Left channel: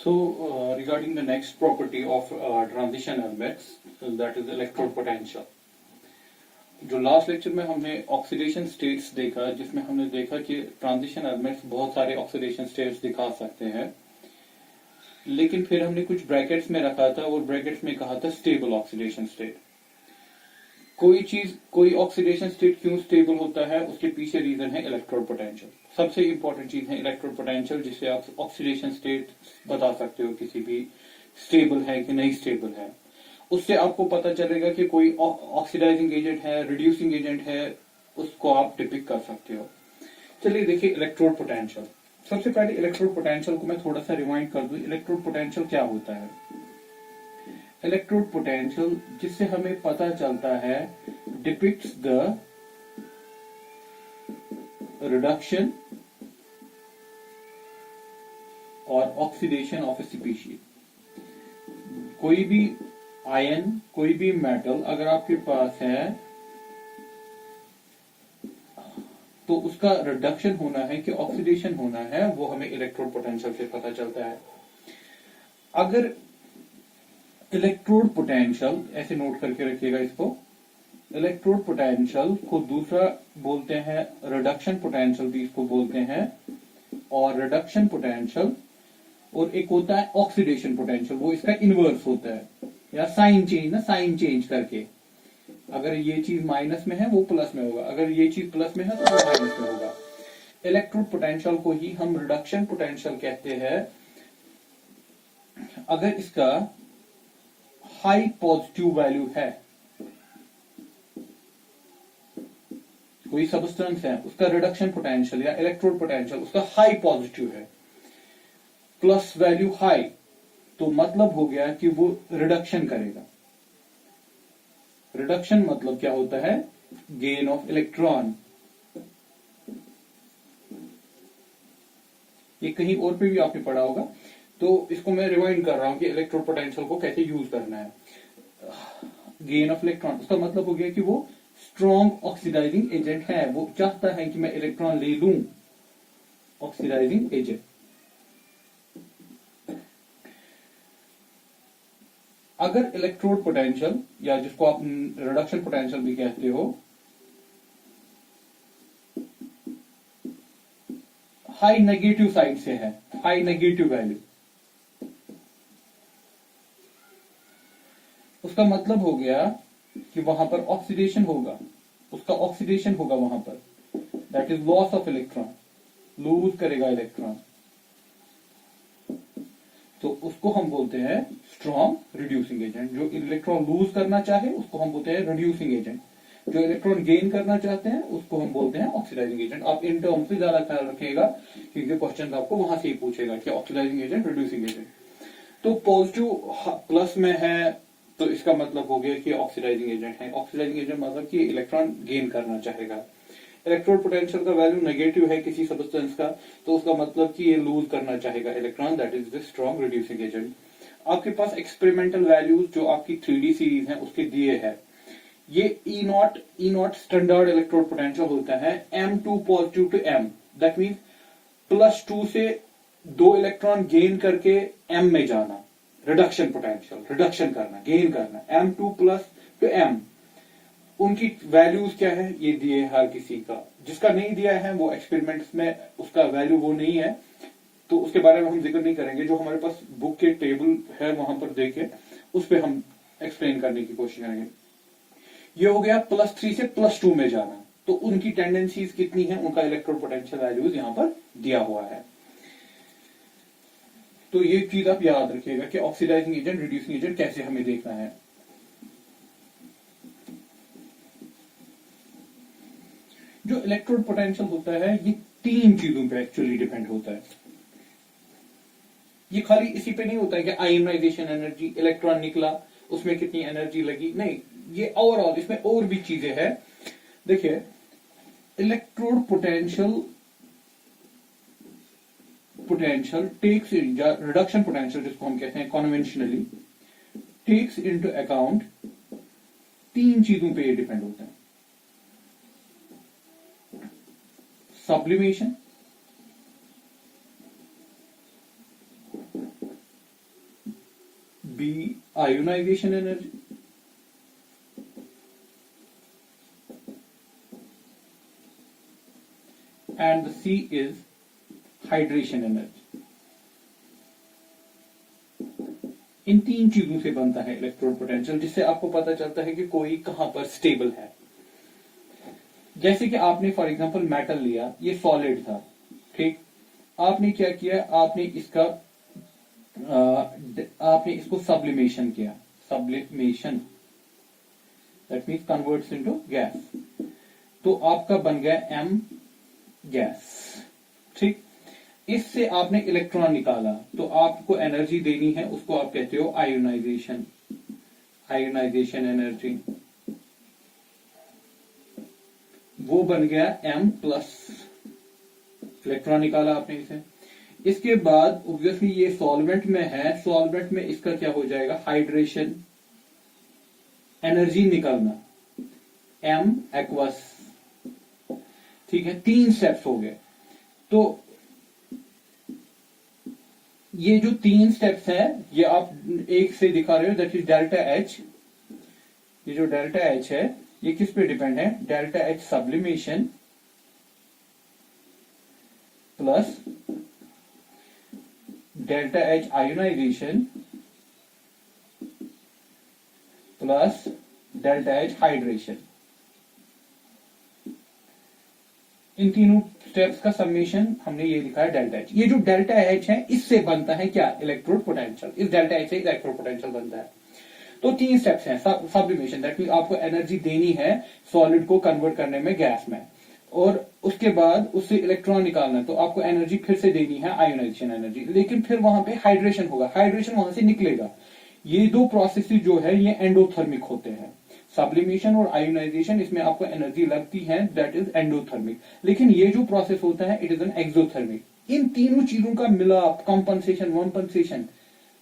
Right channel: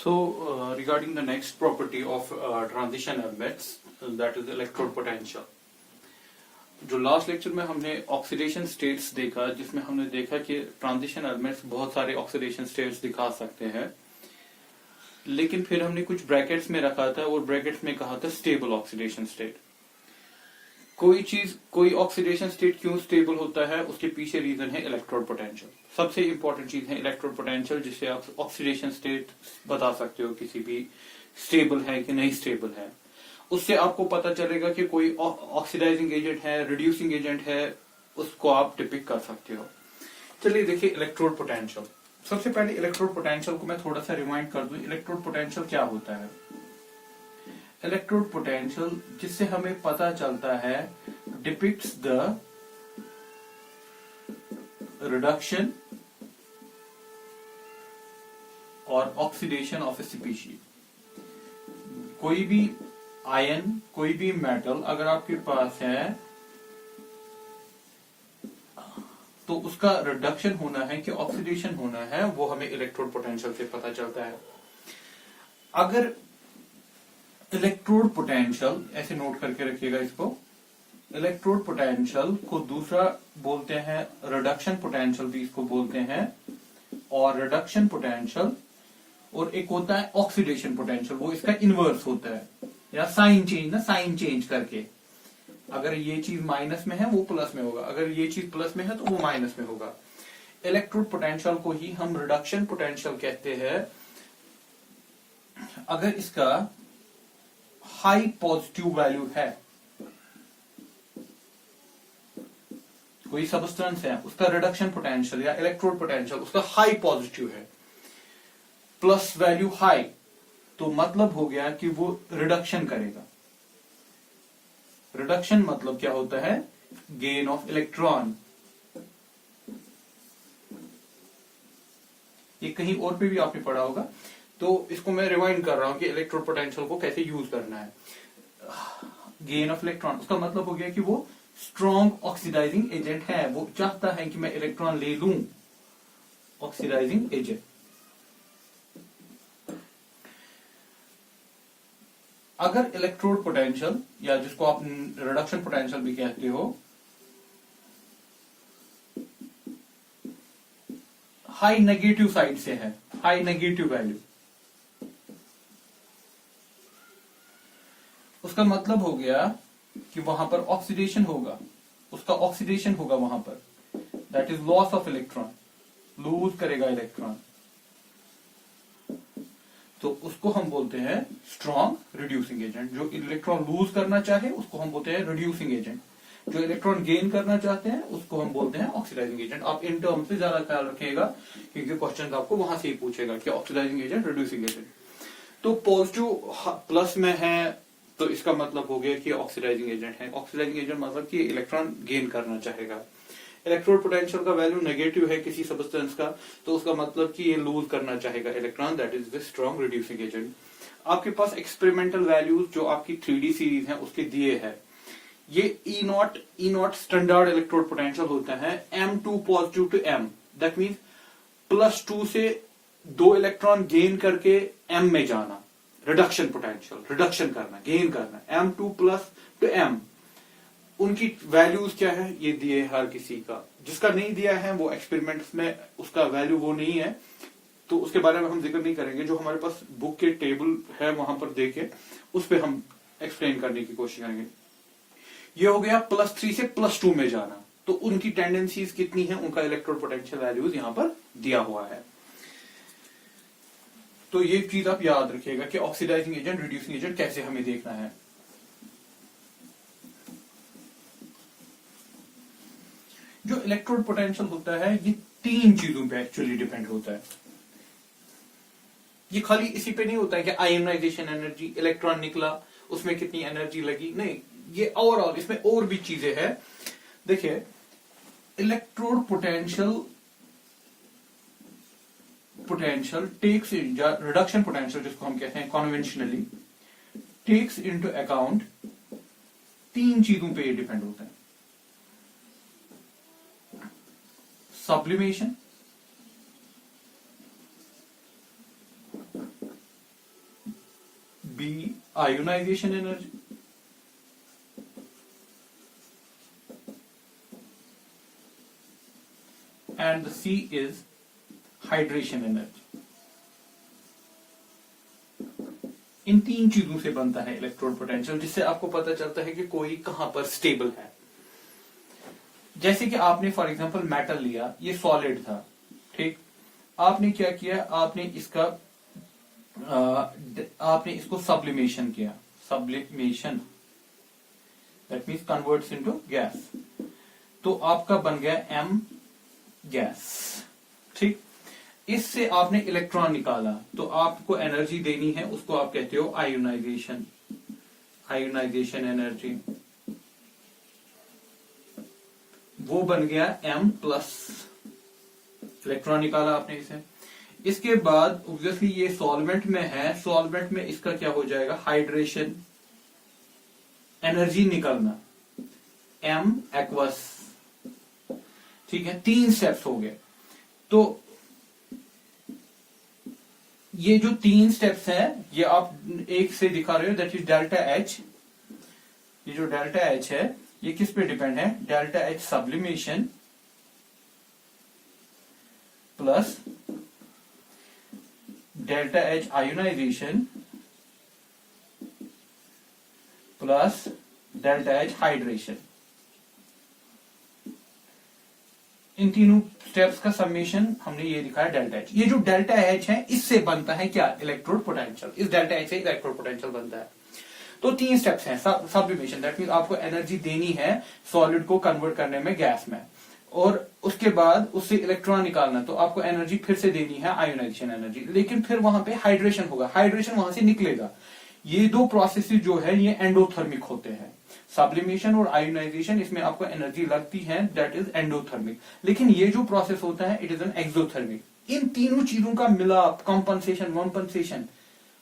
So, regarding the next property of transition elements, that is electrode potential. जो last lecture में हमने oxidation states देखा, जिसमें हमने देखा कि ट्रांजिशन एलिमेंट्स बहुत सारे ऑक्सीडेशन स्टेट्स दिखा सकते हैं, लेकिन फिर हमने कुछ ब्रैकेट्स में रखा था और ब्रैकेट्स में कहा था स्टेबल ऑक्सीडेशन स्टेट। कोई ऑक्सीडेशन स्टेट क्यों स्टेबल होता है, उसके पीछे रीजन है इलेक्ट्रोड पोटेंशियल। सबसे इंपॉर्टेंट चीज है इलेक्ट्रोड पोटेंशियल, जिससे आप ऑक्सीडेशन स्टेट बता सकते हो किसी भी स्टेबल है कि नहीं स्टेबल है। उससे आपको पता चलेगा कि कोई ऑक्सीडाइजिंग एजेंट है, रिड्यूसिंग एजेंट है, उसको आप डिपिक्ट कर सकते हो। चलिए देखिए इलेक्ट्रोड पोटेंशियल। सबसे पहले इलेक्ट्रोड पोटेंशियल को मैं थोड़ा सा रिमाइंड कर दूं। इलेक्ट्रोड पोटेंशियल क्या होता है? इलेक्ट्रोड पोटेंशियल, जिससे हमें पता चलता है, डिपिक्ट्स द रिडक्शन और ऑक्सीडेशन ऑफ ए स्पीशीज। कोई भी आयन, कोई भी मेटल अगर आपके पास है तो उसका रिडक्शन होना है कि ऑक्सीडेशन होना है, वो हमें इलेक्ट्रोड पोटेंशियल से पता चलता है। अगर इलेक्ट्रोड पोटेंशियल, ऐसे नोट करके रखिएगा इसको, इलेक्ट्रोड पोटेंशियल को दूसरा बोलते हैं रिडक्शन पोटेंशियल भी इसको बोलते हैं, और रिडक्शन पोटेंशियल, और एक होता है ऑक्सीडेशन पोटेंशियल, वो इसका इनवर्स होता है, या साइन चेंज, ना साइन चेंज करके। अगर ये चीज माइनस में है वो प्लस में होगा, अगर ये चीज प्लस में है तो वो माइनस में होगा। इलेक्ट्रोड पोटेंशियल को ही हम रिडक्शन पोटेंशियल कहते हैं अगर इसका हाई पॉजिटिव वैल्यू है। कोई सब्सटेंस है, उसका रिडक्शन पोटेंशियल या इलेक्ट्रोड पोटेंशियल उसका हाई पॉजिटिव है, प्लस वैल्यू हाई, तो मतलब हो गया कि वो रिडक्शन करेगा। रिडक्शन मतलब क्या होता है? Gain of electron. ये कहीं और पे भी आपने पढ़ा होगा, तो इसको मैं रिवाइंड कर रहा हूं कि इलेक्ट्रोड पोटेंशियल को कैसे यूज करना है। गेन ऑफ इलेक्ट्रॉन, उसका मतलब हो गया कि वो स्ट्रॉन्ग ऑक्सीडाइजिंग एजेंट है, वो चाहता है कि मैं इलेक्ट्रॉन ले लूं, ऑक्सीडाइजिंग एजेंट। अगर इलेक्ट्रोड पोटेंशियल, या जिसको आप रिडक्शन पोटेंशियल भी कहते हो, हाई नेगेटिव साइड से है, हाई नेगेटिव वैल्यू, उसका मतलब हो गया कि वहां पर ऑक्सीडेशन होगा, उसका ऑक्सीडेशन होगा वहां पर, that is loss of electron, lose करेगा इलेक्ट्रॉन, तो उसको हम बोलते हैं स्ट्रॉन्ग रिड्यूसिंग एजेंट। जो इलेक्ट्रॉन लूज करना चाहे उसको हम बोलते हैं रिड्यूसिंग एजेंट, जो इलेक्ट्रॉन गेन करना चाहते हैं उसको हम बोलते हैं ऑक्सीडाइजिंग एजेंट। आप इन टर्म से ज्यादा ख्याल रखिएगा क्योंकि क्वेश्चन आपको वहां से ही पूछेगा कि ऑक्सीडाइजिंग एजेंट, रिड्यूसिंग एजेंट। तो पॉजिटिव प्लस में है तो इसका मतलब हो गया कि ऑक्सीडाइजिंग एजेंट है। ऑक्सीडाइजिंग एजेंट मतलब कि इलेक्ट्रॉन गेन करना चाहेगा। इलेक्ट्रोड पोटेंशियल का वैल्यू नेगेटिव है किसी सब्सटेंस का, तो उसका मतलब कि ये लूज करना चाहेगा electron, that is the strong reducing agent. आपके पास एक्सपेरिमेंटल वैल्यूज जो आपकी 3D सीरीज है उसके दिए हैं। ये E0 स्टैंडर्ड इलेक्ट्रोड पोटेंशियल होता है, M2 positive to M, that mean +2 से 2 इलेक्ट्रॉन गेन करके M में जाना, रिडक्शन पोटेंशियल, रिडक्शन करना, गेन करना, M2 प्लस टू M। उनकी वैल्यूज क्या है ये दिए हर किसी का। जिसका नहीं दिया है वो एक्सपेरिमेंट्स में उसका वैल्यू वो नहीं है, तो उसके बारे में हम जिक्र नहीं करेंगे। जो हमारे पास बुक के टेबल है वहां पर देखे, उस पर हम एक्सप्लेन करने की कोशिश करेंगे। ये हो गया +3 से +2 में जाना, तो उनकी टेंडेंसीज कितनी है, उनका इलेक्ट्रोड पोटेंशियल वैल्यूज यहां पर दिया हुआ है। तो ये चीज आप याद रखिएगा कि ऑक्सीडाइजिंग एजेंट, रिड्यूसिंग एजेंट कैसे हमें देखना है। जो इलेक्ट्रोड पोटेंशियल होता है ये 3 चीजों पे एक्चुअली डिपेंड होता है। ये खाली इसी पे नहीं होता है कि आयोनाइजेशन एनर्जी, इलेक्ट्रॉन निकला, उसमें कितनी एनर्जी लगी, नहीं, ये ओवरऑल इसमें और भी चीजें हैं। देखिए electrode potential takes reduction potential, जिसको हम कहते हैं कन्वेंशनली, टेक्स इनटू अकाउंट 3 चीजों पे ये डिपेंड होता है। sublimation, B ionization energy, and the C is hydration energy. इन तीन चीजों से बनता है इलेक्ट्रोड पोटेंशियल, जिससे आपको पता चलता है कि कोई कहां पर स्टेबल है। जैसे कि आपने फॉर एग्जांपल मेटल लिया, ये सॉलिड था, ठीक, आपने क्या किया, आपने इसको सब्लिमेशन किया, sublimation that means converts into gas, तो आपका बन गया एम गैस, ठीक। इससे आपने इलेक्ट्रॉन निकाला, तो आपको एनर्जी देनी है, उसको आप कहते हो आयोनाइजेशन, आयोनाइजेशन एनर्जी, वो बन गया एम प्लस, इलेक्ट्रॉन निकाला आपने इसे। इसके बाद ऑब्वियसली ये सॉल्वेंट में है, सॉल्वेंट में इसका क्या हो जाएगा, हाइड्रेशन एनर्जी निकलना, एम एक्वस, ठीक है। 3 स्टेप्स हो गए। तो ये जो 3 स्टेप्स हैं, ये आप एक से दिखा रहे हो, दैट इज डेल्टा एच। ये जो डेल्टा एच है, ये किस पे डिपेंड है, delta H sublimation plus delta H ionisation plus delta H hydration. इन तीनों स्टेप्स का समेशन हमने ये दिखाया डेल्टा एच। ये जो डेल्टा एच है, इससे बनता है क्या, इलेक्ट्रोड पोटेंशियल। इस डेल्टा एच से इलेक्ट्रोड पोटेंशियल बनता है। तो 3 स्टेप्स हैं, सब्लिमेशन दैट मींस आपको एनर्जी देनी है सॉलिड को कन्वर्ट करने में गैस में, और उसके बाद उससे इलेक्ट्रॉन निकालना, तो आपको एनर्जी फिर से देनी है आयोनाइजेशन एनर्जी, लेकिन फिर वहां पे हाइड्रेशन होगा, हाइड्रेशन वहां से निकलेगा। ये 2 प्रोसेसेस जो है ये एंडोथर्मिक होते हैं, सब्लिमेशन और आयोनाइजेशन, इसमें आपको एनर्जी लगती है, दैट इज एंडोथर्मिक। लेकिन ये जो प्रोसेस होता है, इट इज एन एक्सोथर्मिक। इन तीनों चीजों का मिलाप, कंपनसेशन, वंपनसेशन,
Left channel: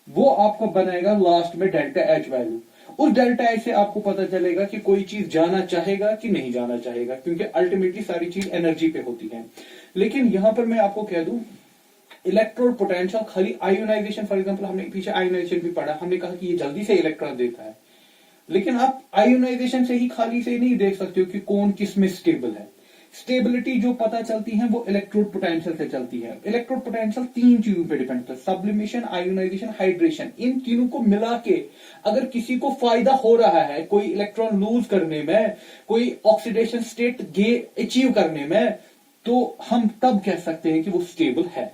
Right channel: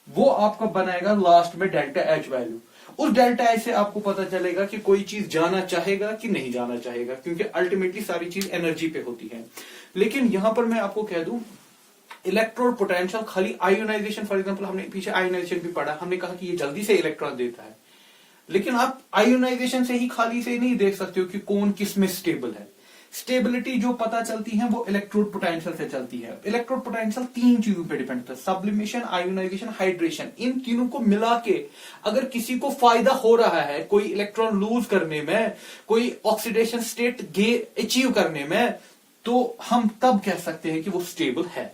वो आपको बनाएगा लास्ट में डेल्टा एच वैल्यू। उस डेल्टा एच से आपको पता चलेगा कि कोई चीज जाना चाहेगा कि नहीं जाना चाहेगा, क्योंकि अल्टीमेटली सारी चीज एनर्जी पे होती है। लेकिन यहां पर मैं आपको कह दूं, इलेक्ट्रोड पोटेंशियल खाली आयोनाइजेशन, फॉर एग्जांपल हमने पीछे आयोनाइजेशन भी पढ़ा, हमने कहा कि ये जल्दी से इलेक्ट्रॉन देता है, लेकिन आप आयोनाइजेशन से ही खाली से नहीं देख सकते हो कि कौन किस में स्टेबल है। स्टेबिलिटी जो पता चलती है वो इलेक्ट्रोड पोटेंशियल से चलती है। इलेक्ट्रोड पोटेंशियल 3 चीजों पे डिपेंड करता है, सब्लिमेशन, आयोनाइजेशन, हाइड्रेशन। इन तीनों को मिला के अगर किसी को फायदा हो रहा है, कोई इलेक्ट्रॉन लूज करने में, कोई ऑक्सीडेशन स्टेट अचीव करने में, तो हम तब कह सकते हैं कि वो स्टेबल है।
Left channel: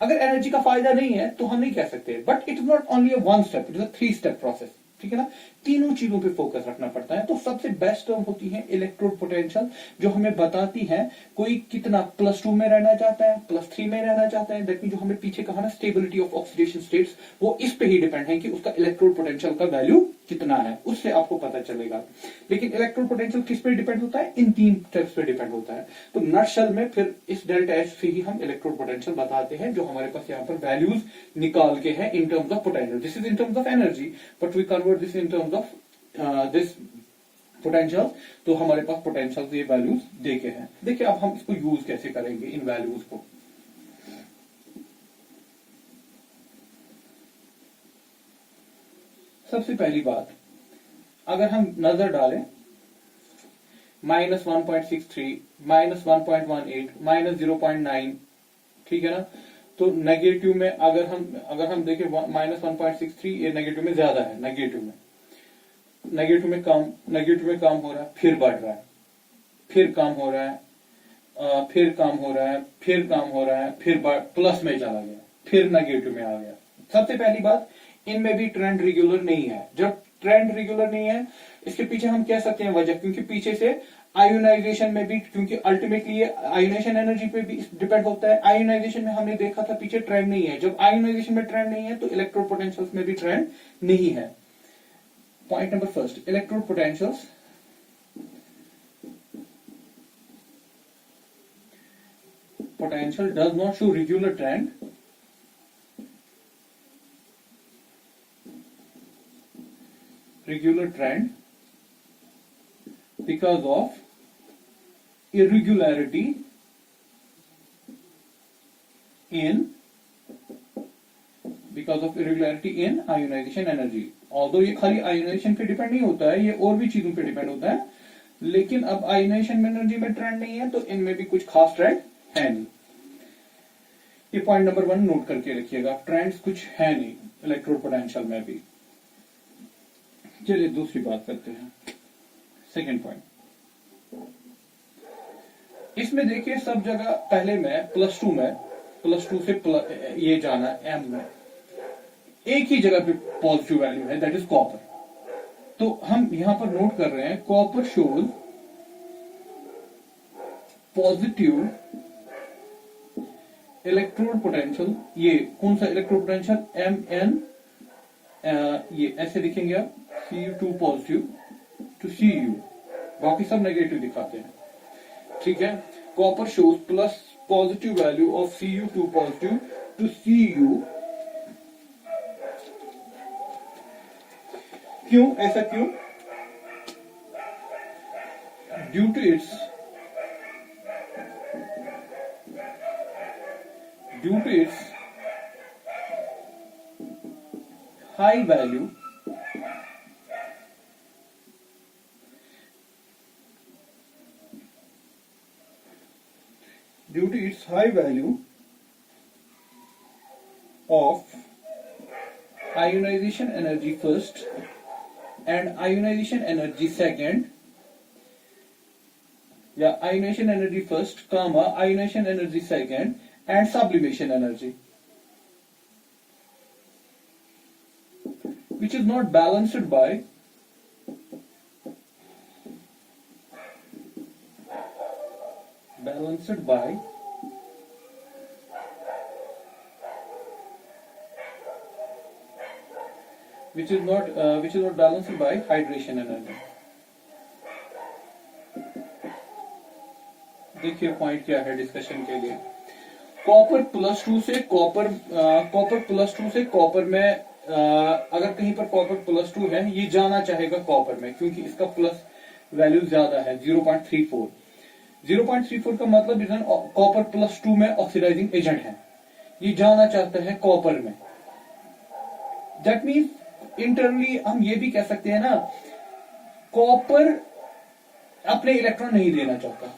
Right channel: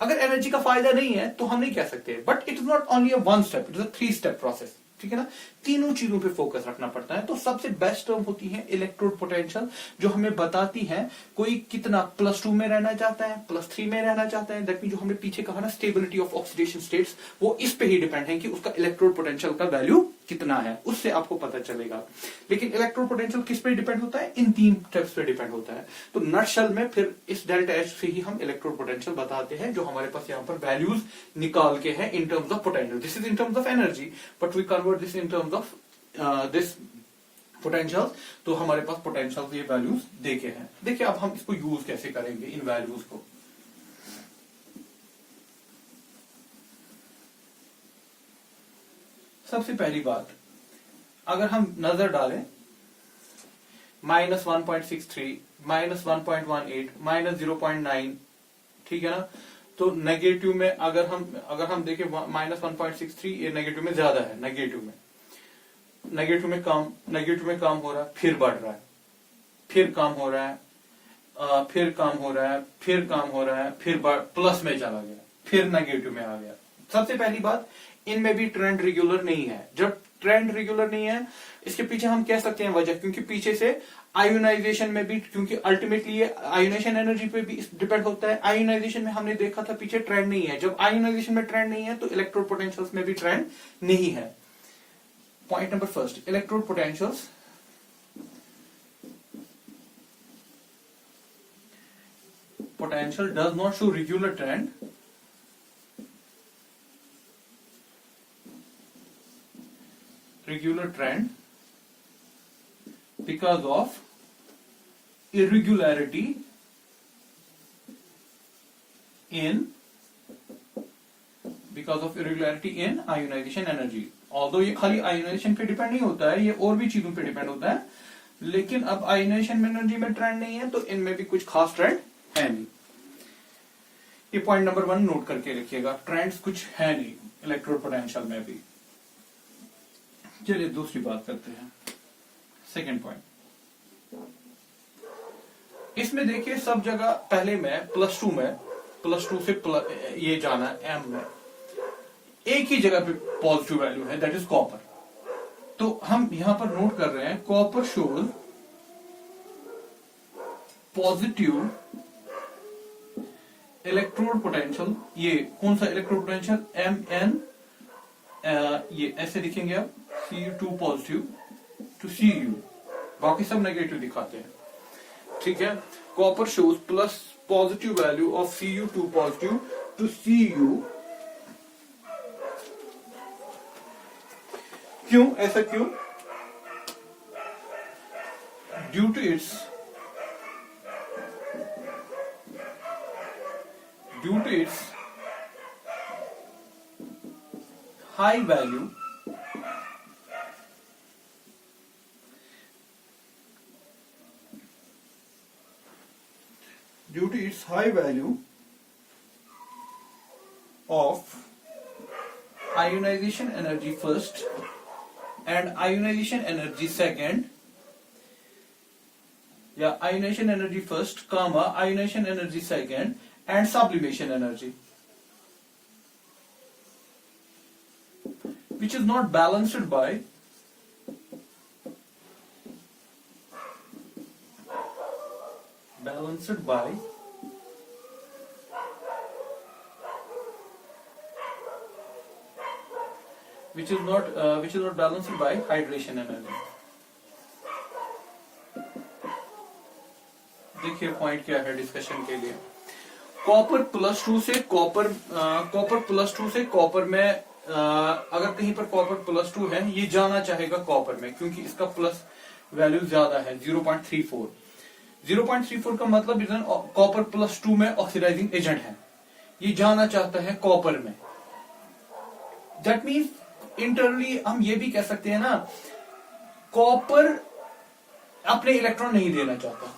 अगर एनर्जी का फायदा नहीं है तो हम नहीं कह सकते। But it is not only a 1 step, it is a 3 step process, ठीक है ना। तीनों चीजों पे फोकस रखना पड़ता है। तो सबसे बेस्ट टर्म होती है इलेक्ट्रोड पोटेंशियल, जो हमें बताती है कोई कितना +2 में रहना चाहता है, +3 में रहना चाहता है। दैट मीन जो हमने पीछे कहा ना, स्टेबिलिटी ऑफ ऑक्सीडेशन स्टेट्स, वो इस पे ही डिपेंड है कि उसका इलेक्ट्रोड पोटेंशियल का वैल्यू कितना है, उससे आपको पता चलेगा। लेकिन इलेक्ट्रोड पोटेंशियल किस पे डिपेंड होता है, इन 3 स्टेप्स पे डिपेंड होता है। तो नटशेल में फिर इस डेल्टा एच से ही हम इलेक्ट्रोड पोटेंशियल बताते हैं, जो हमारे पास यहाँ पर वैल्यूज निकाल के है in terms of potential. This is in terms of energy, but we convert this in terms of this potential. तो हमारे पास पोटेंशियल ये वैल्यूज देखे हैं। देखिए अब हम इसको यूज कैसे करेंगे इन वैल्यूज को। सबसे पहली बात, अगर हम नजर डालें -1.63, -1.18, -0.9, ठीक है ना। तो नेगेटिव में अगर हम देखें -1.63, ये नेगेटिव में ज्यादा है, नेगेटिव में कम हो रहा है, फिर बढ़ रहा है, फिर कम हो रहा है, फिर कम हो रहा है, फिर कम हो रहा है, फिर प्लस में चला गया, फिर नेगेटिव में आ गया। सबसे पहली बात, इनमें भी ट्रेंड रेगुलर नहीं है। जब ट्रेंड रेगुलर नहीं है, इसके पीछे हम कह सकते हैं वजह, क्योंकि पीछे से आयोनाइजेशन में भी, क्योंकि अल्टीमेटली ये आयोनाइजेशन एनर्जी पे भी डिपेंड होता है। आयोनाइजेशन में हमने देखा था पीछे ट्रेंड नहीं है। जब आयोनाइजेशन में ट्रेंड नहीं है तो इलेक्ट्रोड पोटेंशियल्स में भी ट्रेंड नहीं है। Point number first, electrode potentials does not show regular trend because of irregularity in because of irregularity in ionization energy. Although ये खाली आयोनाइजेशन पे डिपेंड नहीं होता है, ये और भी चीजों पे डिपेंड होता है, लेकिन अब आयोनाइजेशन एनर्जी में ट्रेंड नहीं है तो इनमें भी कुछ खास ट्रेंड है नहीं। ये पॉइंट नंबर 1 नोट करके रखिएगा, ट्रेंड्स कुछ है नहीं इलेक्ट्रोड पोटेंशियल में भी। चलिए दूसरी बात करते हैं, सेकंड पॉइंट। इसमें देखिए सब जगह पहले में +2 में, +2 से ये जाना m में एक ही जगह पे पॉजिटिव वैल्यू है, दैट इज कॉपर। तो हम यहां पर नोट कर रहे हैं copper shows positive electrode potential. ये कौन सा इलेक्ट्रोड पोटेंशियल? Mn, ये ऐसे लिखेंगे आप, Cu2 पॉजिटिव टू Cu, बाकी सब नेगेटिव दिखाते हैं, ठीक है। Copper shows plus positive value of Cu2 positive to Cu। क्यों ऐसा क्यों? Due to its high value of ionization energy first and ionization energy second, या ionization energy first, ionization energy second and sublimation energy, which is not balanced by which is not balanced by hydration energy। देखिए point क्या है discussion के लिए। Copper +2 से copper में अगर कहीं पर कॉपर +2 है, ये जाना चाहेगा कॉपर में, क्योंकि इसका प्लस वैल्यू ज्यादा है 0.34। 0.34 का मतलब कॉपर +2 में ऑक्सीडाइजिंग एजेंट है, ये जाना चाहता है कॉपर में। दैट मीन्स इंटरनली हम ये भी कह सकते हैं ना, कॉपर अपने इलेक्ट्रॉन नहीं देना चाहता।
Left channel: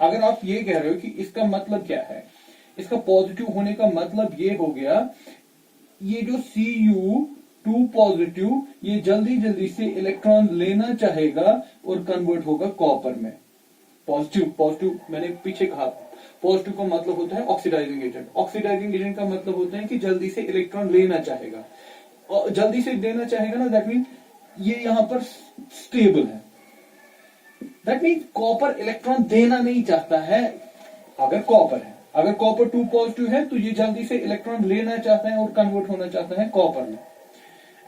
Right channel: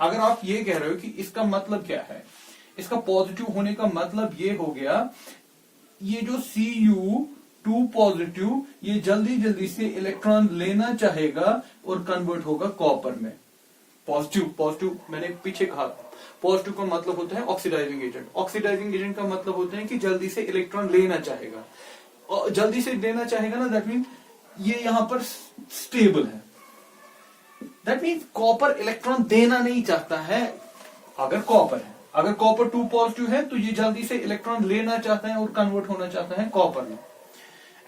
अगर आप ये कह रहे हो कि इसका मतलब क्या है, इसका पॉजिटिव होने का मतलब ये हो गया, ये जो Cu2 पॉजिटिव ये जल्दी से इलेक्ट्रॉन लेना चाहेगा और कन्वर्ट होगा कॉपर में। पॉजिटिव मैंने पीछे कहा, पॉजिटिव का मतलब होता है ऑक्सीडाइजिंग एजेंट। ऑक्सीडाइजिंग एजेंट का मतलब होता है कि जल्दी से इलेक्ट्रॉन लेना चाहेगा, और जल्दी से लेना चाहेगा ना, दैट मीन ये यहां पर स्टेबल है। दैट मीन कॉपर इलेक्ट्रॉन देना नहीं चाहता है। अगर कॉपर 2 पॉजिटिव है तो ये जल्दी से इलेक्ट्रॉन लेना चाहता है और कन्वर्ट होना चाहता है कॉपर में।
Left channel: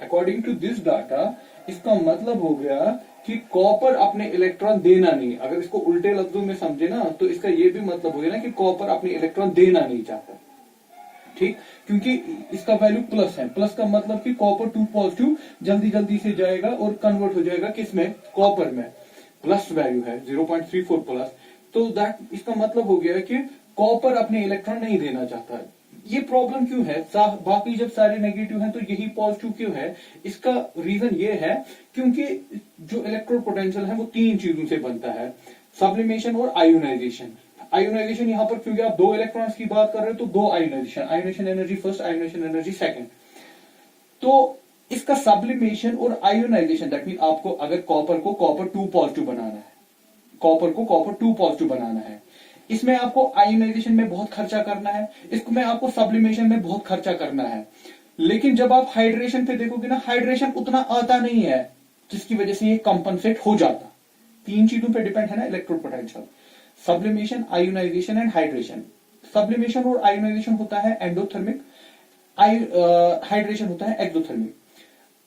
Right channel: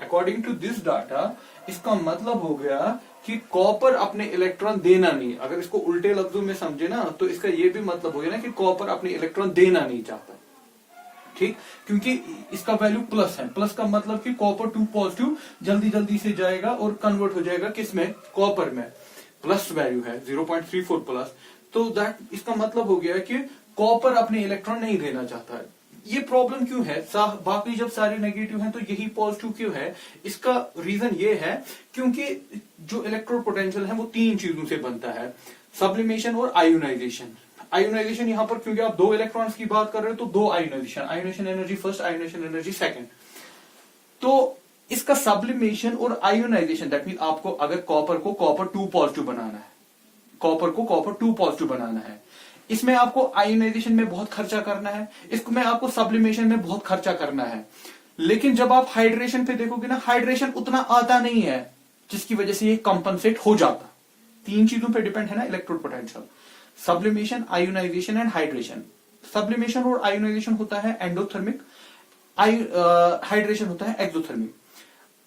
अकॉर्डिंग टू दिस डाटा, इसका मतलब हो गया कि कॉपर अपने इलेक्ट्रॉन देना नहीं। अगर इसको उल्टे लफ्जों में समझे ना, तो इसका ये भी मतलब हो गया ना कि कॉपर अपने इलेक्ट्रॉन देना नहीं चाहता, ठीक, क्योंकि इसका वैल्यू प्लस है। प्लस का मतलब कि कॉपर 2 पॉजिटिव जल्दी से जाएगा और कन्वर्ट हो जाएगा किसमें? कॉपर में। प्लस वैल्यू है 0.34 प्लस, तो दैट इसका मतलब हो गया कि कॉपर अपने इलेक्ट्रॉन नहीं देना चाहता है। ये प्रॉब्लम क्यों है? बाकी जब सारे नेगेटिव हैं तो यही पॉजिटिव क्यों है? इसका रीजन ये है क्योंकि जो इलेक्ट्रोड पोटेंशियल है वो 3 चीजों से बनता है, सब्लिमेशन और आयोनाइजेशन। आयोनाइजेशन यहां पर क्योंकि आप 2 इलेक्ट्रॉन्स की बात कर रहे हो तो 2 ionisation energy first, ionisation energy second. तो इसका सब्लिमेशन और आयोनाइजेशन, दैट मीन आपको अगर कॉपर को कॉपर 2 पॉजिटिव बनाना है, इसमें आपको आयोनाइजेशन में बहुत खर्चा करना है, इसमें आपको सब्लिमेशन में बहुत खर्चा करना है। लेकिन जब आप हाइड्रेशन पे देखोगे ना, हाइड्रेशन उतना आता नहीं है जिसकी वजह से ये कंपनसेट हो जाता। 3 चीजों पे डिपेंड है ना electrode potential, sublimation, ionisation and hydration. Sublimation और आयोनाइजेशन होता है एंडोथर्मिक, हाइड्रेशन होता है एक्सोथर्मिक।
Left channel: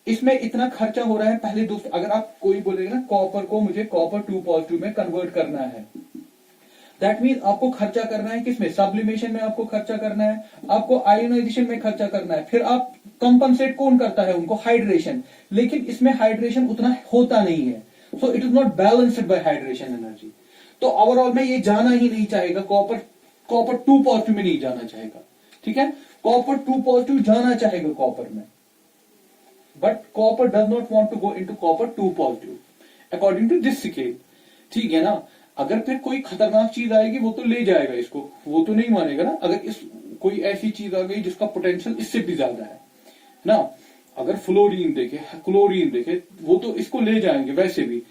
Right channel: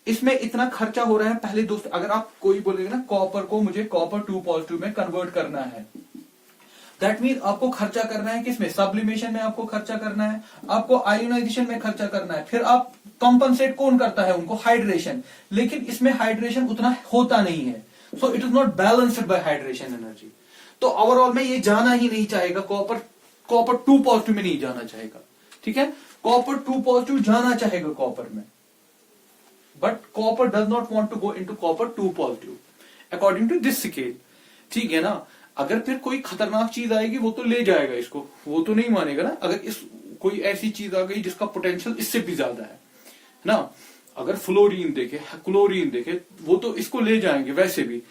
इसमें इतना खर्चा हो रहा है पहले दोस्त। अगर आप कोई बोलेगा ना कॉपर को मुझे कॉपर 2 पॉजिटिव में कन्वर्ट करना है, दैट मीन आपको खर्चा करना है किसमें? सब्लिमेशन में आपको खर्चा करना है, आपको आयोनाइजेशन में खर्चा करना है, फिर आप कंपनसेट कौन करता है उनको? हाइड्रेशन। लेकिन इसमें हाइड्रेशन उतना होता नहीं है, so it is not balanced bye hydration energy. तो ओवरऑल में ये जाना ही नहीं चाहेगा, कॉपर 2 पॉजिटिव में नहीं जाना चाहेगा, ठीक है। कॉपर 2 पॉजिटिव जाना चाहेगा कॉपर में, but copper does not want to go into copper 2 positive according to this scale. ठीक है ना। अगर फिर कोई खतरनाक चीज आएगी वो तो ले जाएगा इसको, वो तो नहीं मानेगा ना। अगर इस कोई ऐसी चीज आ गई जिसका पोटेंशियल इससे भी ज्यादा है ना, अगर फ्लोरीन देखे, क्लोरीन देखे, वो तो इसको ले जाएंगे वैसे भी।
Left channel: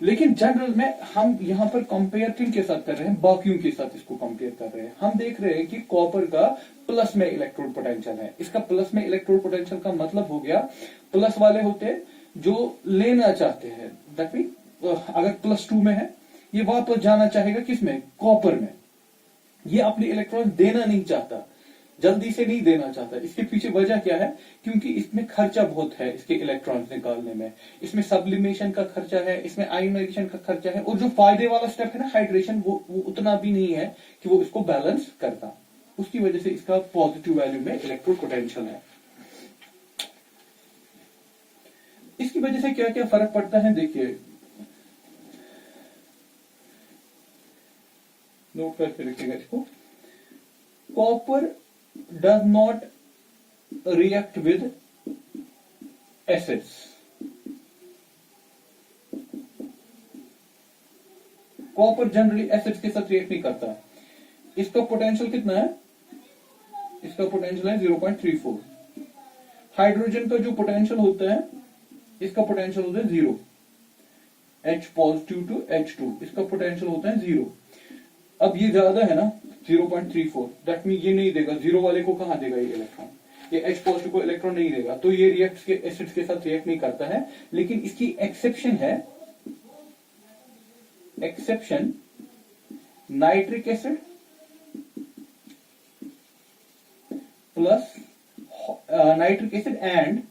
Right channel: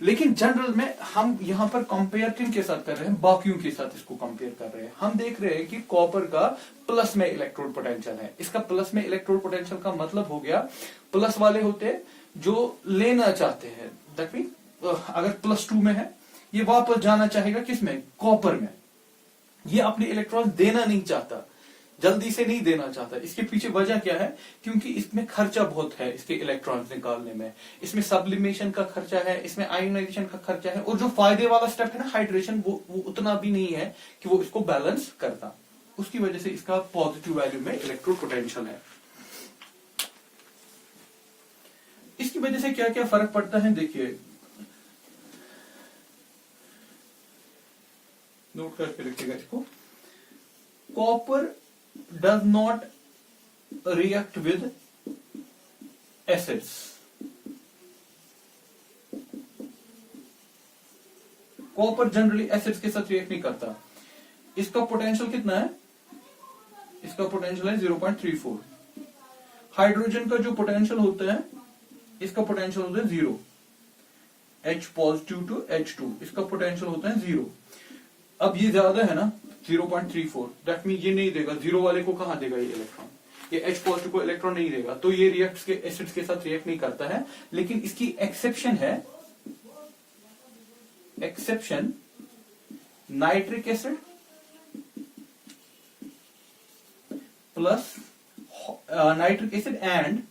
लेकिन जनरल में हम यहां पर कंपेयरिंग के साथ कर रहे हैं, बाकियों के साथ इसको कंपेयर कर रहे हैं। हम देख रहे हैं कि कॉपर का प्लस में इलेक्ट्रोड पोटेंशियल है। इसका प्लस में इलेक्ट्रोड पोटेंशियल का मतलब हो गया, प्लस वाले होते जो लेना चाहते हैं, दैट मीन अगर +2 में है, ये वापस जाना चाहेगा किसमें, कॉपर में। ये अपने इलेक्ट्रॉन देना नहीं चाहता, जल्दी से नहीं देना चाहता। इसके पीछे वजह क्या है, क्योंकि इसमें खर्चा बहुत है इसके इलेक्ट्रॉन्स निकालने में, इसमें सब्लिमेशन का खर्चा है, इसमें आयोनाइजेशन का खर्चा है, और जो फायदे वाला स्टेप है ना हाइड्रेशन, वो उतना भी नहीं है कि वो इसको बैलेंस करता। उसकी वजह से इसका पॉजिटिव वैल्यू में इलेक्ट्रोड पोटेंशियल है। इसकी वजह से क्या क्या फर्क पड़ता है, देखिए नोट करके रखिएगा इसको। Copper does not react with acids. Copper generally acids के साथ रिएक्ट नहीं करता। इसका पोटेंशियल कितना है, इसका पोटेंशियल है 0.34। हाइड्रोजन का जो पोटेंशियल होता है, इसका पोटेंशियल होता है 0, H पॉजिटिव टू H2, इसका पोटेंशियल होता है 0। अब ये ज्यादा है ना 0.34, दैट मीन ये नहीं देगा, 0 वाले को कहां देगा ये इलेक्ट्रॉन, ये H पॉजिटिव को इलेक्ट्रॉन नहीं देगा, तो ये रिएक्ट के एसिड्स के साथ रिएक्ट नहीं करता है। लेकिन इसकी एक्सेप्शन है, exception nitric acid plus nitric acid and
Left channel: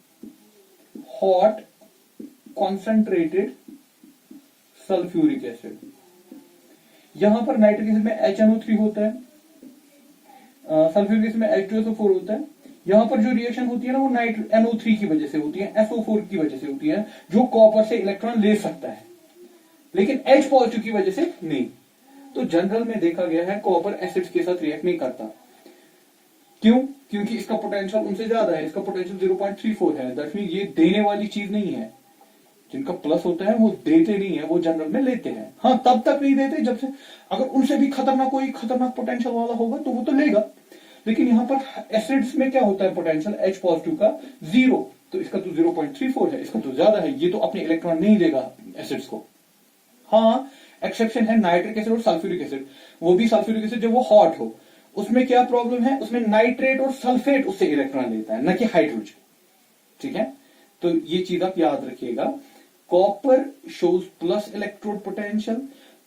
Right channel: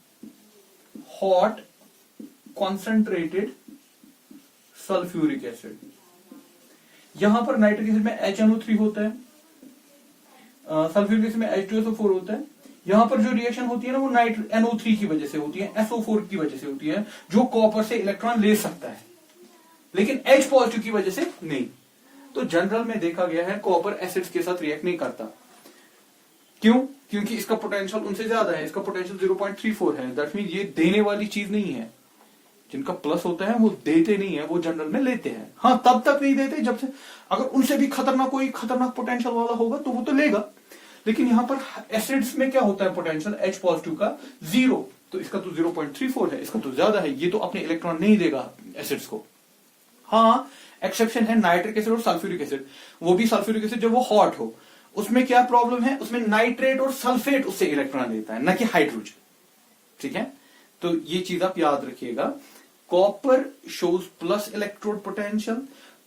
hot concentrated sulphuric acid. यहां पर नाइट्रिक एसिड में HNO3 होता है, सल्फ्यूरिक एसिड में H2SO4 होता है। यहां पर जो रिएक्शन होती है ना, वो NO3 की वजह से होती है, SO4 की वजह से होती है, जो कॉपर से इलेक्ट्रॉन ले सकता है, लेकिन H पॉजिटिव की वजह से नहीं। तो जनरल में देखा गया है कॉपर एसिड्स के साथ रिएक्ट नहीं करता। क्यों? क्योंकि इसका पोटेंशियल उनसे ज्यादा है, इसका पोटेंशियल 0.34 है। दैट मीन ये देने वाली चीज नहीं है। जिनका प्लस होता है वो देते नहीं है, वो जनरल में लेते हैं। हाँ, तब तक नहीं देते जब से, अगर उनसे भी खतरनाक कोई खतरनाक पोटेंशियल वाला होगा तो वो तो लेगा। लेकिन यहां पर एसिड्स में क्या होता है पोटेंशियल, H पॉजिटिव का 0, तो इसका तो 0.34 है, इसका तो ज्यादा है, ये तो अपने इलेक्ट्रॉन नहीं देगा एसिड्स को। हाँ, एक्सेप्शन है नाइट्रिक एसिड और सल्फ्यूरिक एसिड, वो भी सल्फ्यूरिक एसिड जब वो हॉट हो। उसमें क्या प्रॉब्लम है, उसमें नाइट्रेट और सल्फेट उससे इलेक्ट्रॉन लेता है, न कि हाइड्रोजन। ठीक है, तो ये चीज आप याद रखिएगा। Copper shows plus electrode potential,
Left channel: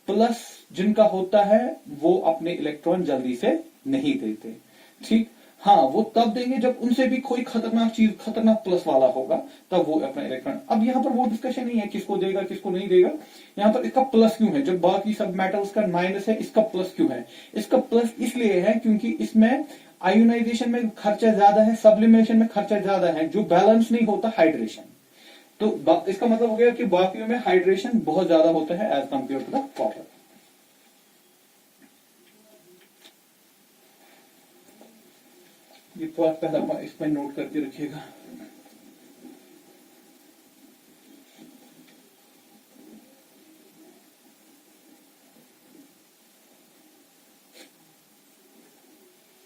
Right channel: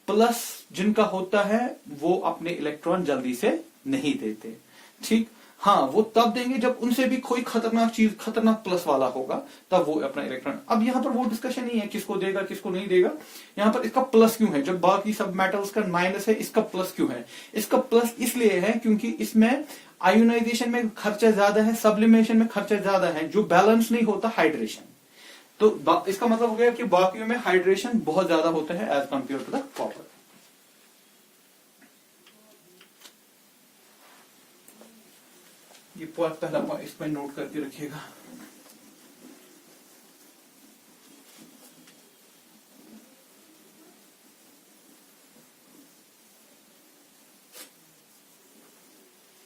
plus जिनका होता है वो अपने इलेक्ट्रॉन जल्दी से नहीं देते। ठीक, हाँ, वो तब देंगे जब उनसे भी कोई खतरनाक चीज, खतरनाक प्लस वाला होगा, तब वो अपना इलेक्ट्रॉन। अब यहां पर वो डिस्कशन नहीं है किसको देगा किसको नहीं देगा। यहां पर इसका प्लस क्यों है, जब बाकी सब मेटल्स का माइनस है, इसका प्लस क्यों है? इसका प्लस इसलिए है क्योंकि इसमें आयोनाइजेशन में खर्चा ज्यादा है, सब्लिमेशन में खर्चा ज्यादा है, जो बैलेंस नहीं होता हाइड्रेशन। तो इसका मतलब हो गया कि बाकियों में हाइड्रेशन बहुत ज्यादा होता है as compare to the copper. ये पहला पॉइंट इसमें नोट करके रखिएगा।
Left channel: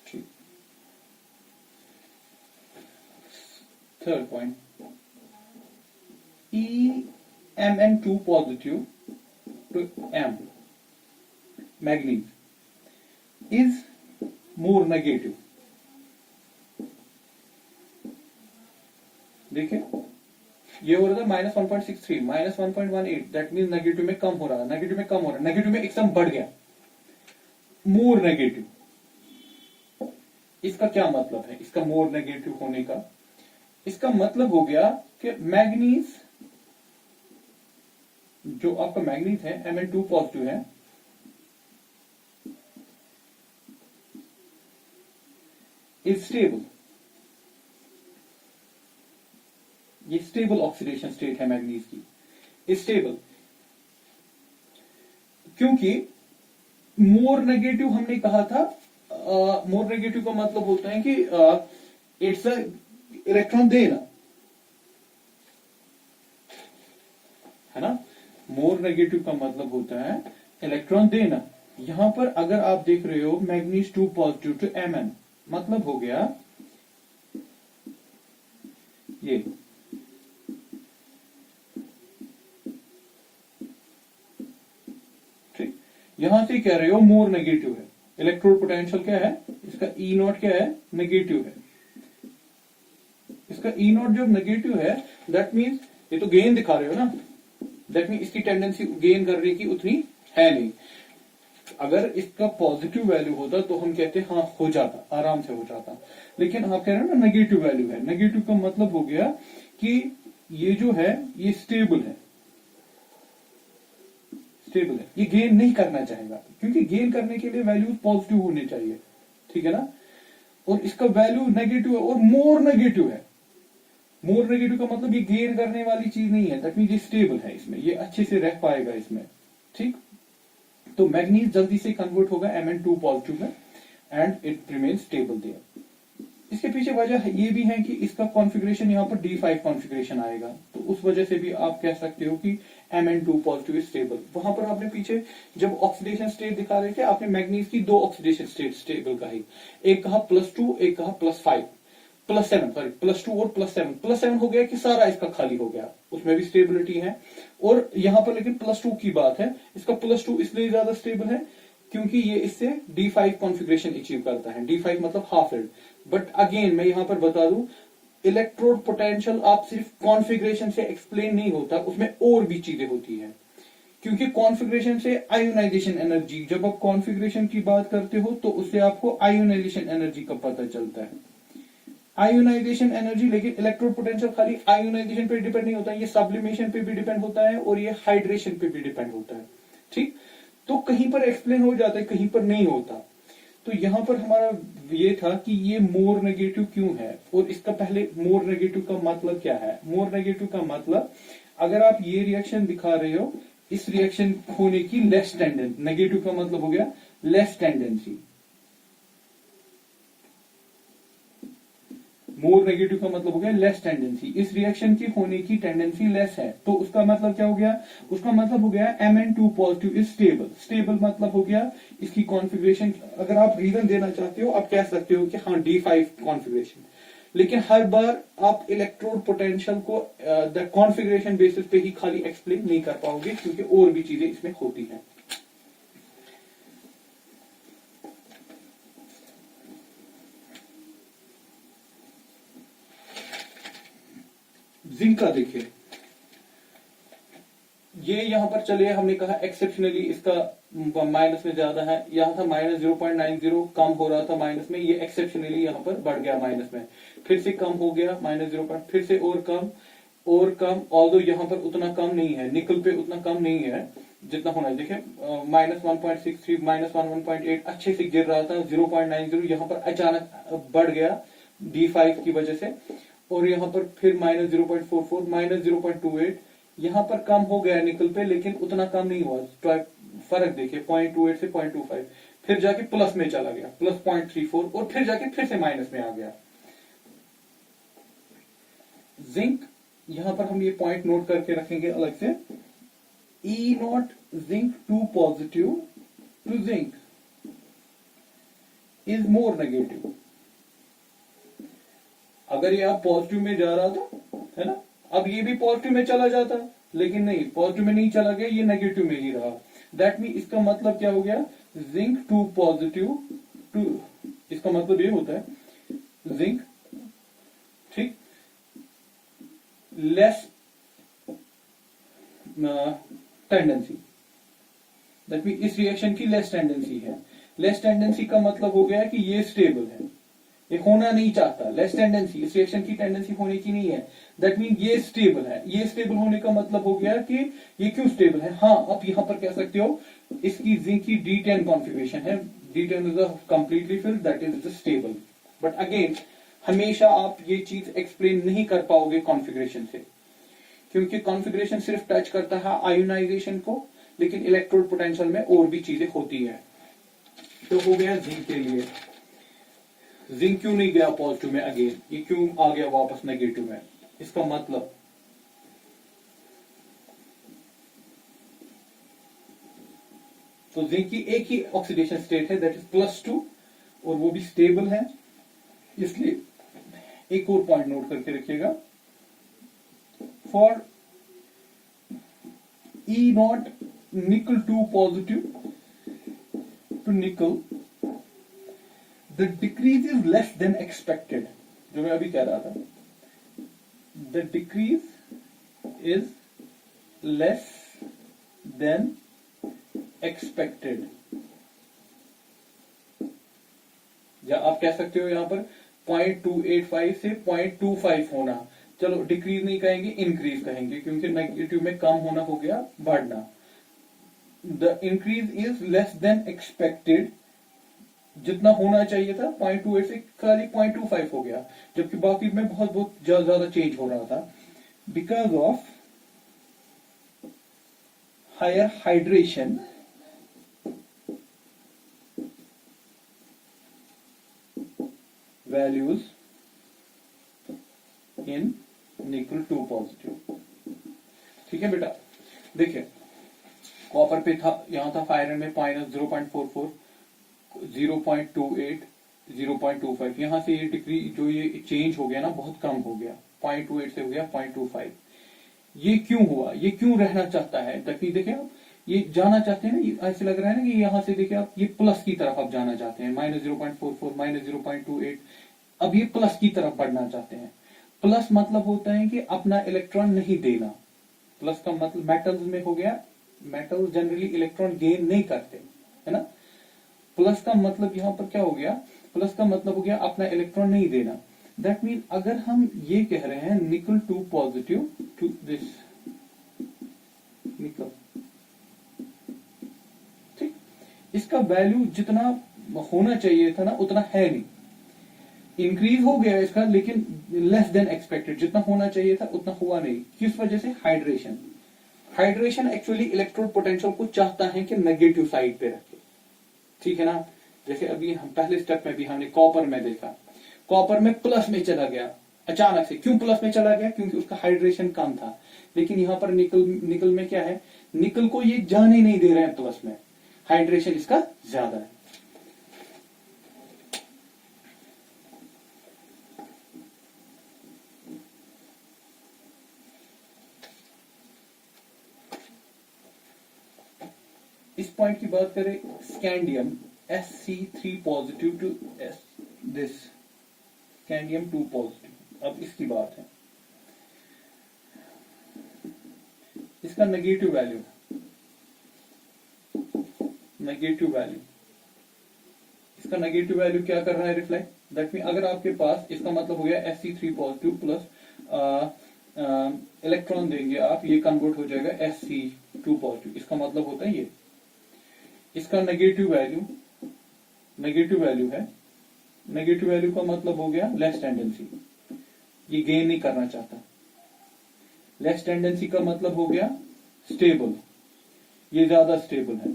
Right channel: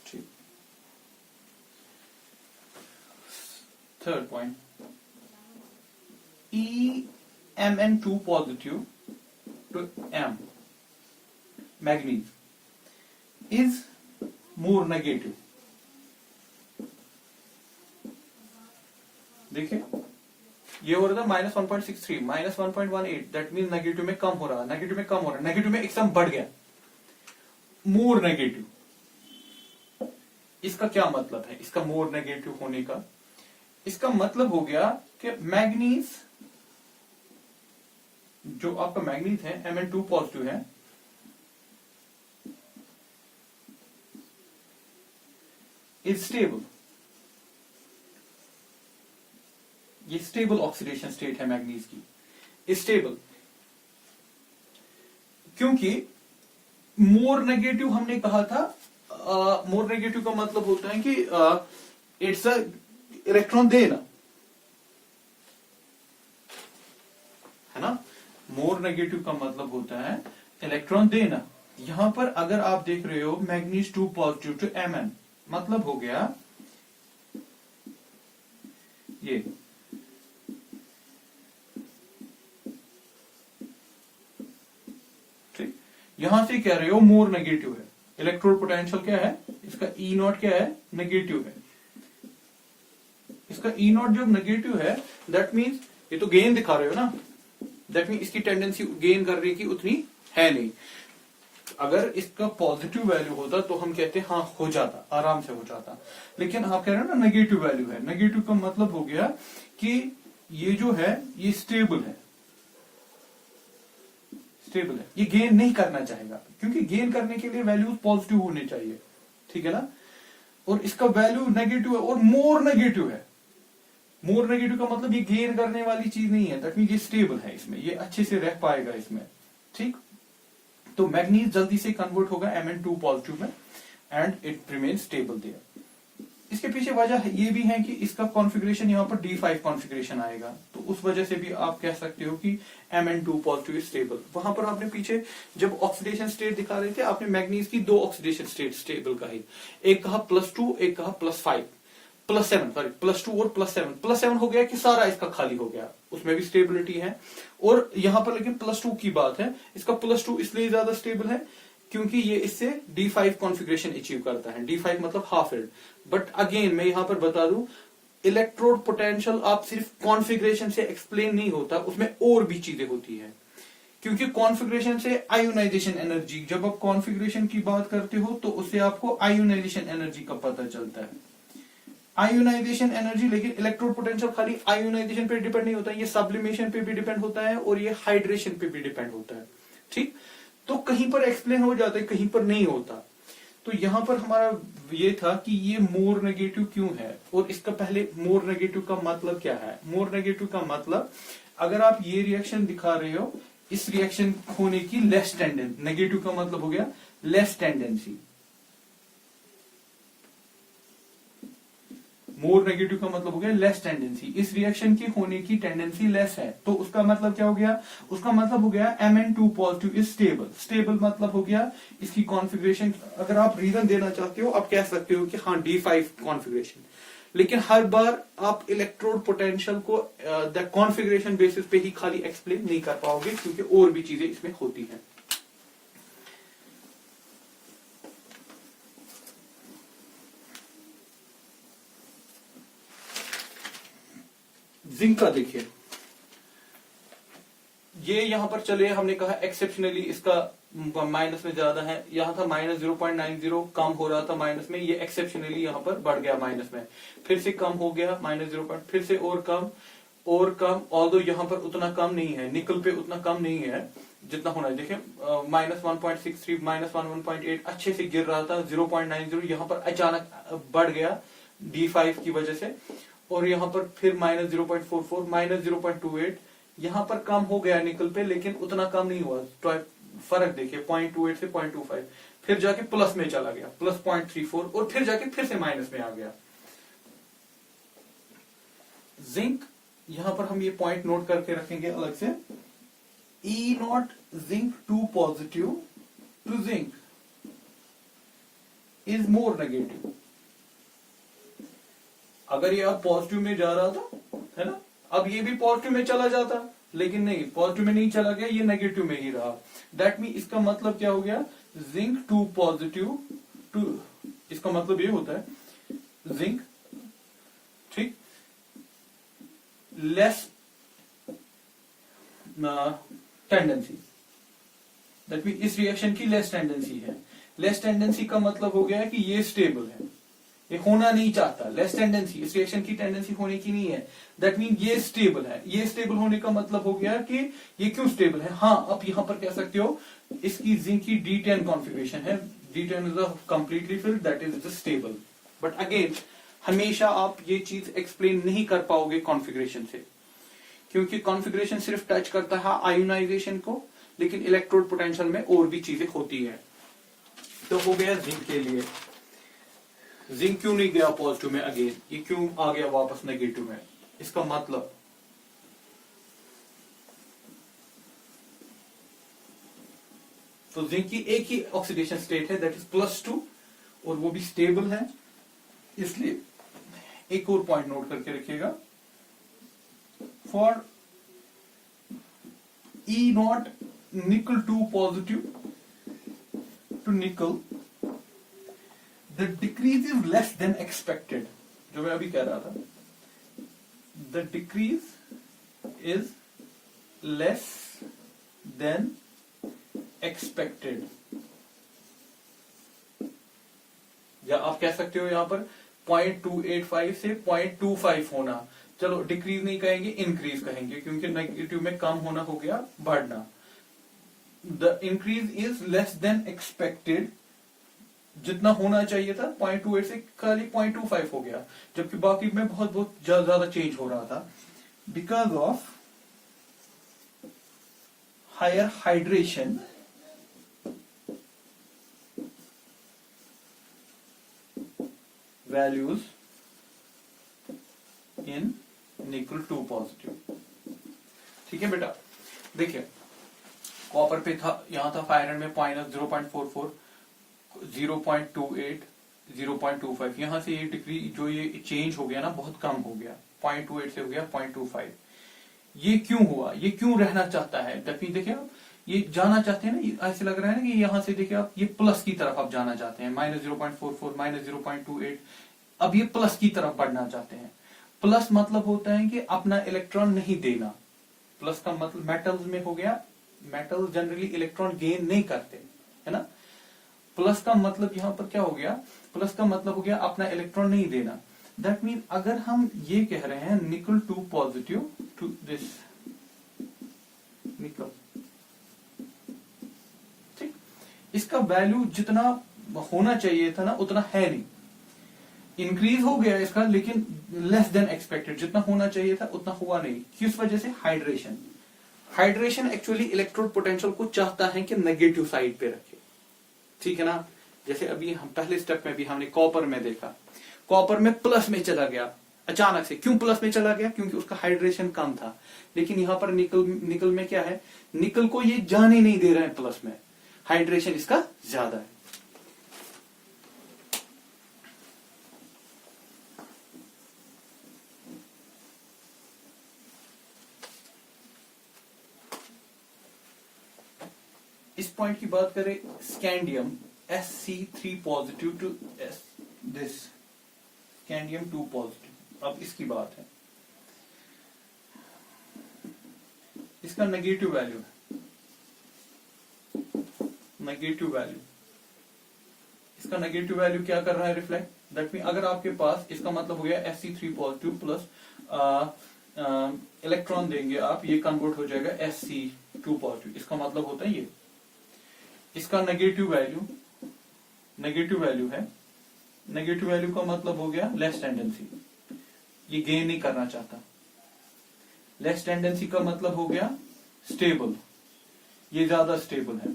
ठीक, third point, Mn2 positive to M manganese is more negative। देखिए ये हो रहा था -1.63, -1.18, दैट मीन नेगेटिव में कम हो रहा है, नेगेटिव में कम हो रहा है, नेगेटिव में एकदम बढ़ गया, मोर नेगेटिव। इसका क्या मतलब है, इसका मोर नेगेटिव होने का? इसका मतलब हो गया कि मैग्नीज, जो आपका मैग्नीज है Mn2 पॉजिटिव है, इज स्टेबल। ये स्टेबल ऑक्सीडेशन स्टेट है मैग्नीज की, इज स्टेबल। क्योंकि मोर नेगेटिव हमने कहा था, मोर नेगेटिव का मतलब होता है कि इट्स अ इलेक्ट्रॉन देना, है ना। मोर नेगेटिव का मतलब होता है इलेक्ट्रॉन देना। यहां पर अगर आप देख रहे हो मैग्नीज 2 पॉजिटिव टू Mn, मतलब हो गया ये ठीक, यहां से कह रहे हो मोर नेगेटिव है, इलेक्ट्रोड पोटेंशियल क्या है इसका ई नॉट क्या है नेगेटिव है। इसका ई नॉट जब नेगेटिव है दैट मीन्स ये तो गेन दिखा रहे हो ना, दैट मीन्स इसकी टेंडेंसी गेन करने की उतनी है नहीं। अगर इसका पॉजिटिव वैल्यू होता तो हम कहते हाँ हो जाता, आराम से हो जाता, लेकिन आप कह रहे हो ना नेगेटिव वैल्यू है। नेगेटिव का मतलब हो गया कि ये जो है ये स्टेबल है, स्टेबल है, ये गेन नहीं करना चाहेगा, क्योंकि गेन करने के लिए वैल्यूज पॉजिटिव होने चाहिए, ठीक है ना। और इसका वैल्यू नेगेटिव है और मोर नेगेटिव है। मोर नेगेटिव का मतलब ये गेन करने वाली चीज नहीं है, दैट मींस ये स्टेबल है, इसमें ये अच्छे से रह पाएगा इसमें, ठीक। तो मैग्नीज जल्दी से कन्वर्ट होगा Mn2 पॉजिटिव में and it remain stable there. इसके पीछे वजह ये भी है कि इसका कॉन्फ़िगरेशन यहाँ पर D5 कॉन्फ़िगरेशन आएगा, तो उस वजह से भी आप कह सकते हो कि Mn2 पॉजिटिव इज स्टेबल। वहां पर आपने पीछे जब ऑक्सीडेशन स्टेट दिखा रहे थे आपने मैग्नीज की दो ऑक्सीडेशन स्टेट स्टेबल कही, एक कहा +2 एक कहा +5 +7 सॉरी +2 और +7 हो गया कि सारा इसका खाली हो गया, उसमें भी स्टेबिलिटी है। और यहां पर लेकिन +2 की बात है, इसका +2 इसलिए ज्यादा स्टेबल है क्योंकि ये इससे D5 कॉन्फ़िगरेशन अचीव करता है। D5 मतलब हाफ एल्ड। बट अगेन मैं यहां पर बता दूं इलेक्ट्रोड पोटेंशियल आप सिर्फ कॉन्फ़िगरेशन से एक्सप्लेन नहीं होता, उसमें और भी चीजें होती है, क्योंकि कॉन्फ़िगरेशन से आयोनाइजेशन एनर्जी, जब आप कॉन्फ़िगरेशन की बात करते हो तो उससे आपको आयोनाइजेशन एनर्जी का पता चलता है। आयोनाइजेशन एनर्जी, लेकिन इलेक्ट्रोड पोटेंशियल खाली आयोनाइजेशन पे डिपेंड नहीं होता है, ये सब्लिमेशन पे भी डिपेंड होता है और ये हाइड्रेशन पे भी डिपेंड होता है, ठीक। तो कहीं पर एक्सप्लेन हो जाता है कहीं पर नहीं होता। तो यहां पर हमारा ये था कि ये मोर नेगेटिव क्यों है, और इसका पहले मोर नेगेटिव का मतलब क्या है। मोर नेगेटिव का मतलब अगर आप ये रिएक्शन दिखा रहे हो, इस रिएक्शन होने की लेस टेंडेंसी, नेगेटिव का मतलब हो गया लेस टेंडेंसी। मोर नेगेटिव का मतलब हो गया लेस टेंडेंसी, इस रिएक्शन की होने की टेंडेंसी लेस है, तो उसका मतलब क्या हो गया, उसका मतलब हो गया Mn2 positive is stable. Stable मतलब हो गया इसकी कॉन्फ़िगरेशन, अगर आप रीजन देना चाहते हो आप कह सकते हो कि हाँ D5 कॉन्फ़िगरेशन, लेकिन हर बार आप इलेक्ट्रोड पोटेंशियल को द कॉन्फ़िगरेशन बेसिस पे ही खाली एक्सप्लेन नहीं कर पाओगे, क्योंकि और भी चीजें इसमें होती हैं। जिंक का देखिए, ये यहां पर चले हमने कहा एक्सेप्शनली इसका माइनस में ज्यादा है, यहां था -0.90 कम हो रहा था माइनस में, ये एक्सेप्शनली यहां पर बढ़ गया माइनस में, फिर से कम हो गया -0, फिर से और कम, ऑल्दो यहां पर उतना कम नहीं है, निकल पे उतना कम नहीं है जितना होना है। देखिए -1.63 -1.8 अच्छे से गिर रहा था, 0.90 यहां पर अचानक बढ़ गया D5 की वजह से, और यहां पर फिर -0.44 -0.28 यहां पर कम हो गया निकल पे, लेकिन उतना कम नहीं हुआ। तो फर्क देखिए 0.28 से 0.25, फिर जाके प्लस में चला गया +0.34, और फिर जाके फिर से माइनस में आ गया। जिंक, यहां पर हम ये पॉइंट नोट करके रखेंगे अलग से, E0 zinc 2 positive to zinc is more negative. अगर ये आप पॉजिटिव में जा रहा था, है ना, अब ये भी पॉजिटिव में चला जाता, लेकिन नहीं, पॉजिटिव में नहीं चला गया, ये नेगेटिव में ही रहा। दैट मीन इसका मतलब क्या हो गया, जिंक 2 पॉजिटिव टू, इसका मतलब ये होता है जिंक, ठीक, लेस टेंडेंसी, दैट मीन इस रिएक्शन की लेस टेंडेंसी है। लेस टेंडेंसी का मतलब हो गया कि ये स्टेबल है, ये होना नहीं चाहता, लेस टेंडेंसी, इस रिएक्शन की टेंडेंसी होने की नहीं है, दैट मीन ये स्टेबल है। ये स्टेबल होने का मतलब हो गया कि ये क्यों स्टेबल है, हाँ आप यहां पर कह सकते हो इसकी जिंक की D10 कॉन्फ़िगरेशन है, D10 is completely filled, that is stable. But again हमेशा आप ये चीज एक्सप्लेन नहीं कर पाओगे कॉन्फ़िगरेशन से, क्योंकि कॉन्फ़िगरेशन सिर्फ टच करता है आयोनाइजेशन को, लेकिन इलेक्ट्रोड पोटेंशियल में और भी चीजें होती है। तो हो गया जिंक के लिए। जिंक क्यों नहीं गया पॉजिटिव में अगेन, ये क्यों आ गया वापस नेगेटिव में, इसका मतलब तो जिंक की एक ही ऑक्सीडेशन स्टेट है दैट इज +2 और वो भी स्टेबल है। इसलिए एक और पॉइंट नोट करके रखिएगा, for E0 nickel 2 positive to nickel the decrease is less than expected, जो मैं अभी कह रहा था, the decrease is less than expected, या आप कह सकते हो यहां पर 0.285 से 0.25 होना, चलो डिक्रीज नहीं कहेंगे इंक्रीज कहेंगे क्योंकि नेगेटिव में कम होना हो गया बढ़ना। The increase is less than expected, जितना होना चाहिए था 0.28 से खाली 0.25 हो गया, जबकि बाकी में बहुत बहुत ज्यादा चेंज हो रहा था, because of higher hydration values in nickel 2 positive. ठीक है बेटा, देखिए कॉपर पे था, यहां था आयरन में -0.44, 0.28, 0.25, यहां से ये डिग्री जो ये चेंज हो गया ना बहुत कम हो गया, 0.28 से हो गया 0.25। ये क्यों हुआ, ये क्यों रहना चाहता है, देखिए आप ये जाना चाहते हैं ना, ऐसे लग रहा है ना कि यहां से देखिए आप ये प्लस की तरफ आप जाना चाहते हैं, -0.44, -0.28, अब ये प्लस की तरफ बढ़ना चाहते हैं। प्लस मतलब होता है कि अपना इलेक्ट्रॉन नहीं देना, प्लस का मतलब मेटल्स में हो गया, मेटल्स जनरली इलेक्ट्रॉन गेन नहीं करते है ना। प्लस का मतलब यहां पर क्या हो गया, प्लस का मतलब हो गया अपना इलेक्ट्रॉन नहीं देना। दैट मीन अगर हम ये कह रहे हैं निकल 2 पॉजिटिव टू दिस निकल, ठीक, इसका वैल्यू जितना होना चाहिए था ना उतना है नहीं, इंक्रीज हो गया इसका लेकिन लेस देन एक्सपेक्टेड, जितना होना चाहिए था उतना हुआ नहीं। किस वजह से, hydration. Hydration actually electrode potential को चाहता है कि नेगेटिव साइड पे रखे, ठीक है ना। जैसे अभी हम पहले स्टेप में भी हमने कॉपर में देखा, कॉपर में प्लस में चला गया अचानक से, क्यों प्लस में चला गया, क्योंकि उसका हाइड्रेशन कम था। लेकिन यहां पर निकल में क्या है, निकल को ये जाने नहीं दे रहे हैं प्लस में, हाइड्रेशन इसका ज्यादा है। इस पॉइंट की बात करें, scandium Sc3 positive to this scandium 2 positive. अब इसकी बात है, इसका नेगेटिव वैल्यू, नेगेटिव वैल्यू, इसका नेगेटिव वैल्यू क्या कर रहा है, रिफ्लेक्ट। दैट मीन अगर आपके पास, इसका मतलब हो गया Sc3 पॉजिटिव प्लस इलेक्ट्रॉन देंगे आप, ये कन्वर्ट हो जाएगा Sc2 पॉजिटिव, इसका मतलब होता है ये, इसका नेगेटिव वैल्यू, नेगेटिव वैल्यू है, नेगेटिव वैल्यू का मतलब हो गया लेस टेंडेंसी, ये गेन नहीं करना चाहता। लेस टेंडेंसी का मतलब हो गया स्टेबल, ये ज्यादा स्टेबल है।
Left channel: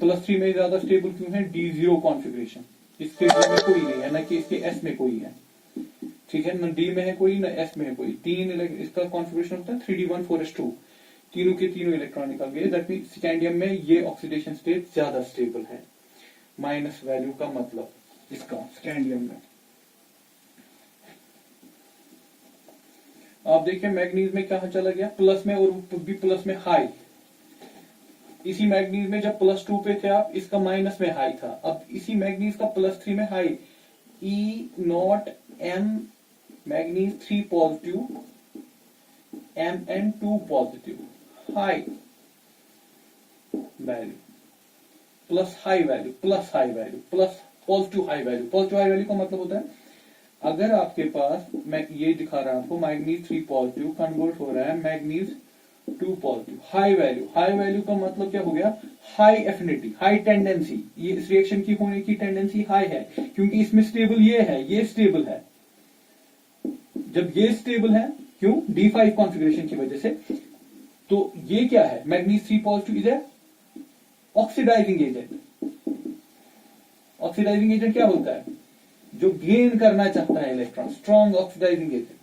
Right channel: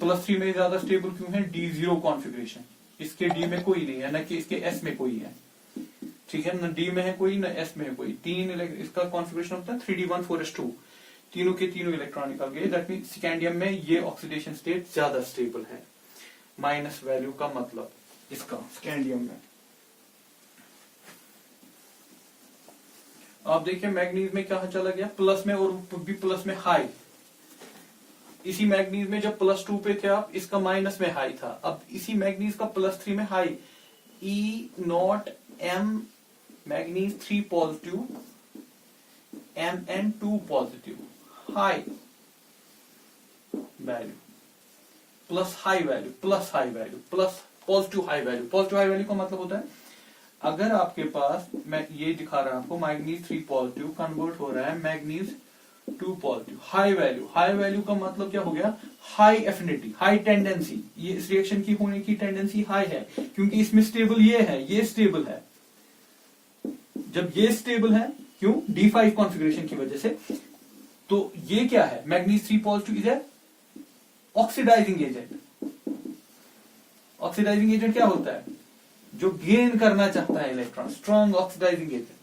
+3 में ज्यादा स्टेबल क्यों है, D0 कॉन्फ़िगरेशन, इसके D में कोई नहीं है, न कि इसके S में कोई है, ठीक है, न D में है कोई, न S में है कोई। तीन इसका कॉन्फ़िगरेशन होता है 3D14S2, तीनों के तीनों इलेक्ट्रॉन निकल गए। दैट मीन स्कैंडियम में ये ऑक्सीडेशन स्टेट ज्यादा स्टेबल है, माइनस वैल्यू का मतलब इसका स्कैंडियम में। आप देखिए मैग्नीज में क्या चला गया, प्लस में, और भी प्लस में हाई। इसी मैग्नीज में जब +2 पे थे आप, इसका माइनस में हाई था। अब इसी मैग्नीज का +3 में high, E0M manganese 3 positive, Mn2 positive, high value, plus high value, plus high value, plus positive high value. Positive high value का मतलब होता है अगर आपके पास, मैं ये दिखा रहा हूं आपको, मैग्नीज 3 पॉजिटिव कन्वर्ट हो रहा है manganese 2 positive, high value. High value का मतलब क्या हो गया, हाई एफिनिटी, हाई टेंडेंसी, ये इस रिएक्शन की होने की टेंडेंसी हाई है, क्योंकि इसमें स्टेबल ये है, ये स्टेबल है। जब ये स्टेबल है, क्यों, D5 कॉन्फ़िगरेशन की वजह से, तो ये क्या है, manganese 3 positive is oxidising agent. Oxidising agent क्या होता है, जो गेन करना चाहता है इलेक्ट्रॉन, स्ट्रॉन्ग ऑक्सीडाइजिंग एजेंट।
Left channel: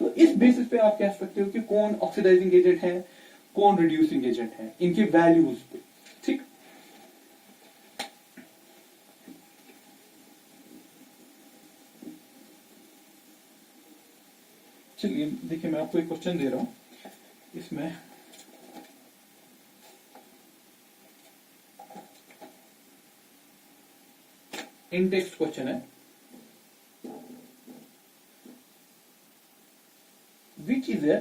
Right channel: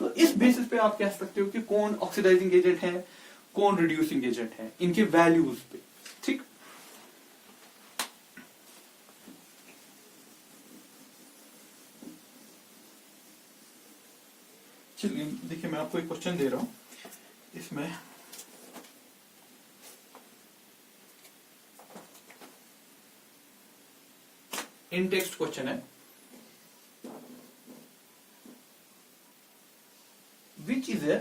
तो इस बेसिस पे आप कह सकते हो कि कौन ऑक्सीडाइजिंग एजेंट है, कौन रिड्यूसिंग एजेंट है, इनके वैल्यूज पे। ठीक, चलिए देखिए मैं आपको एक क्वेश्चन दे रहा हूं, इसमें इन टेक्स्ट क्वेश्चन है, which is a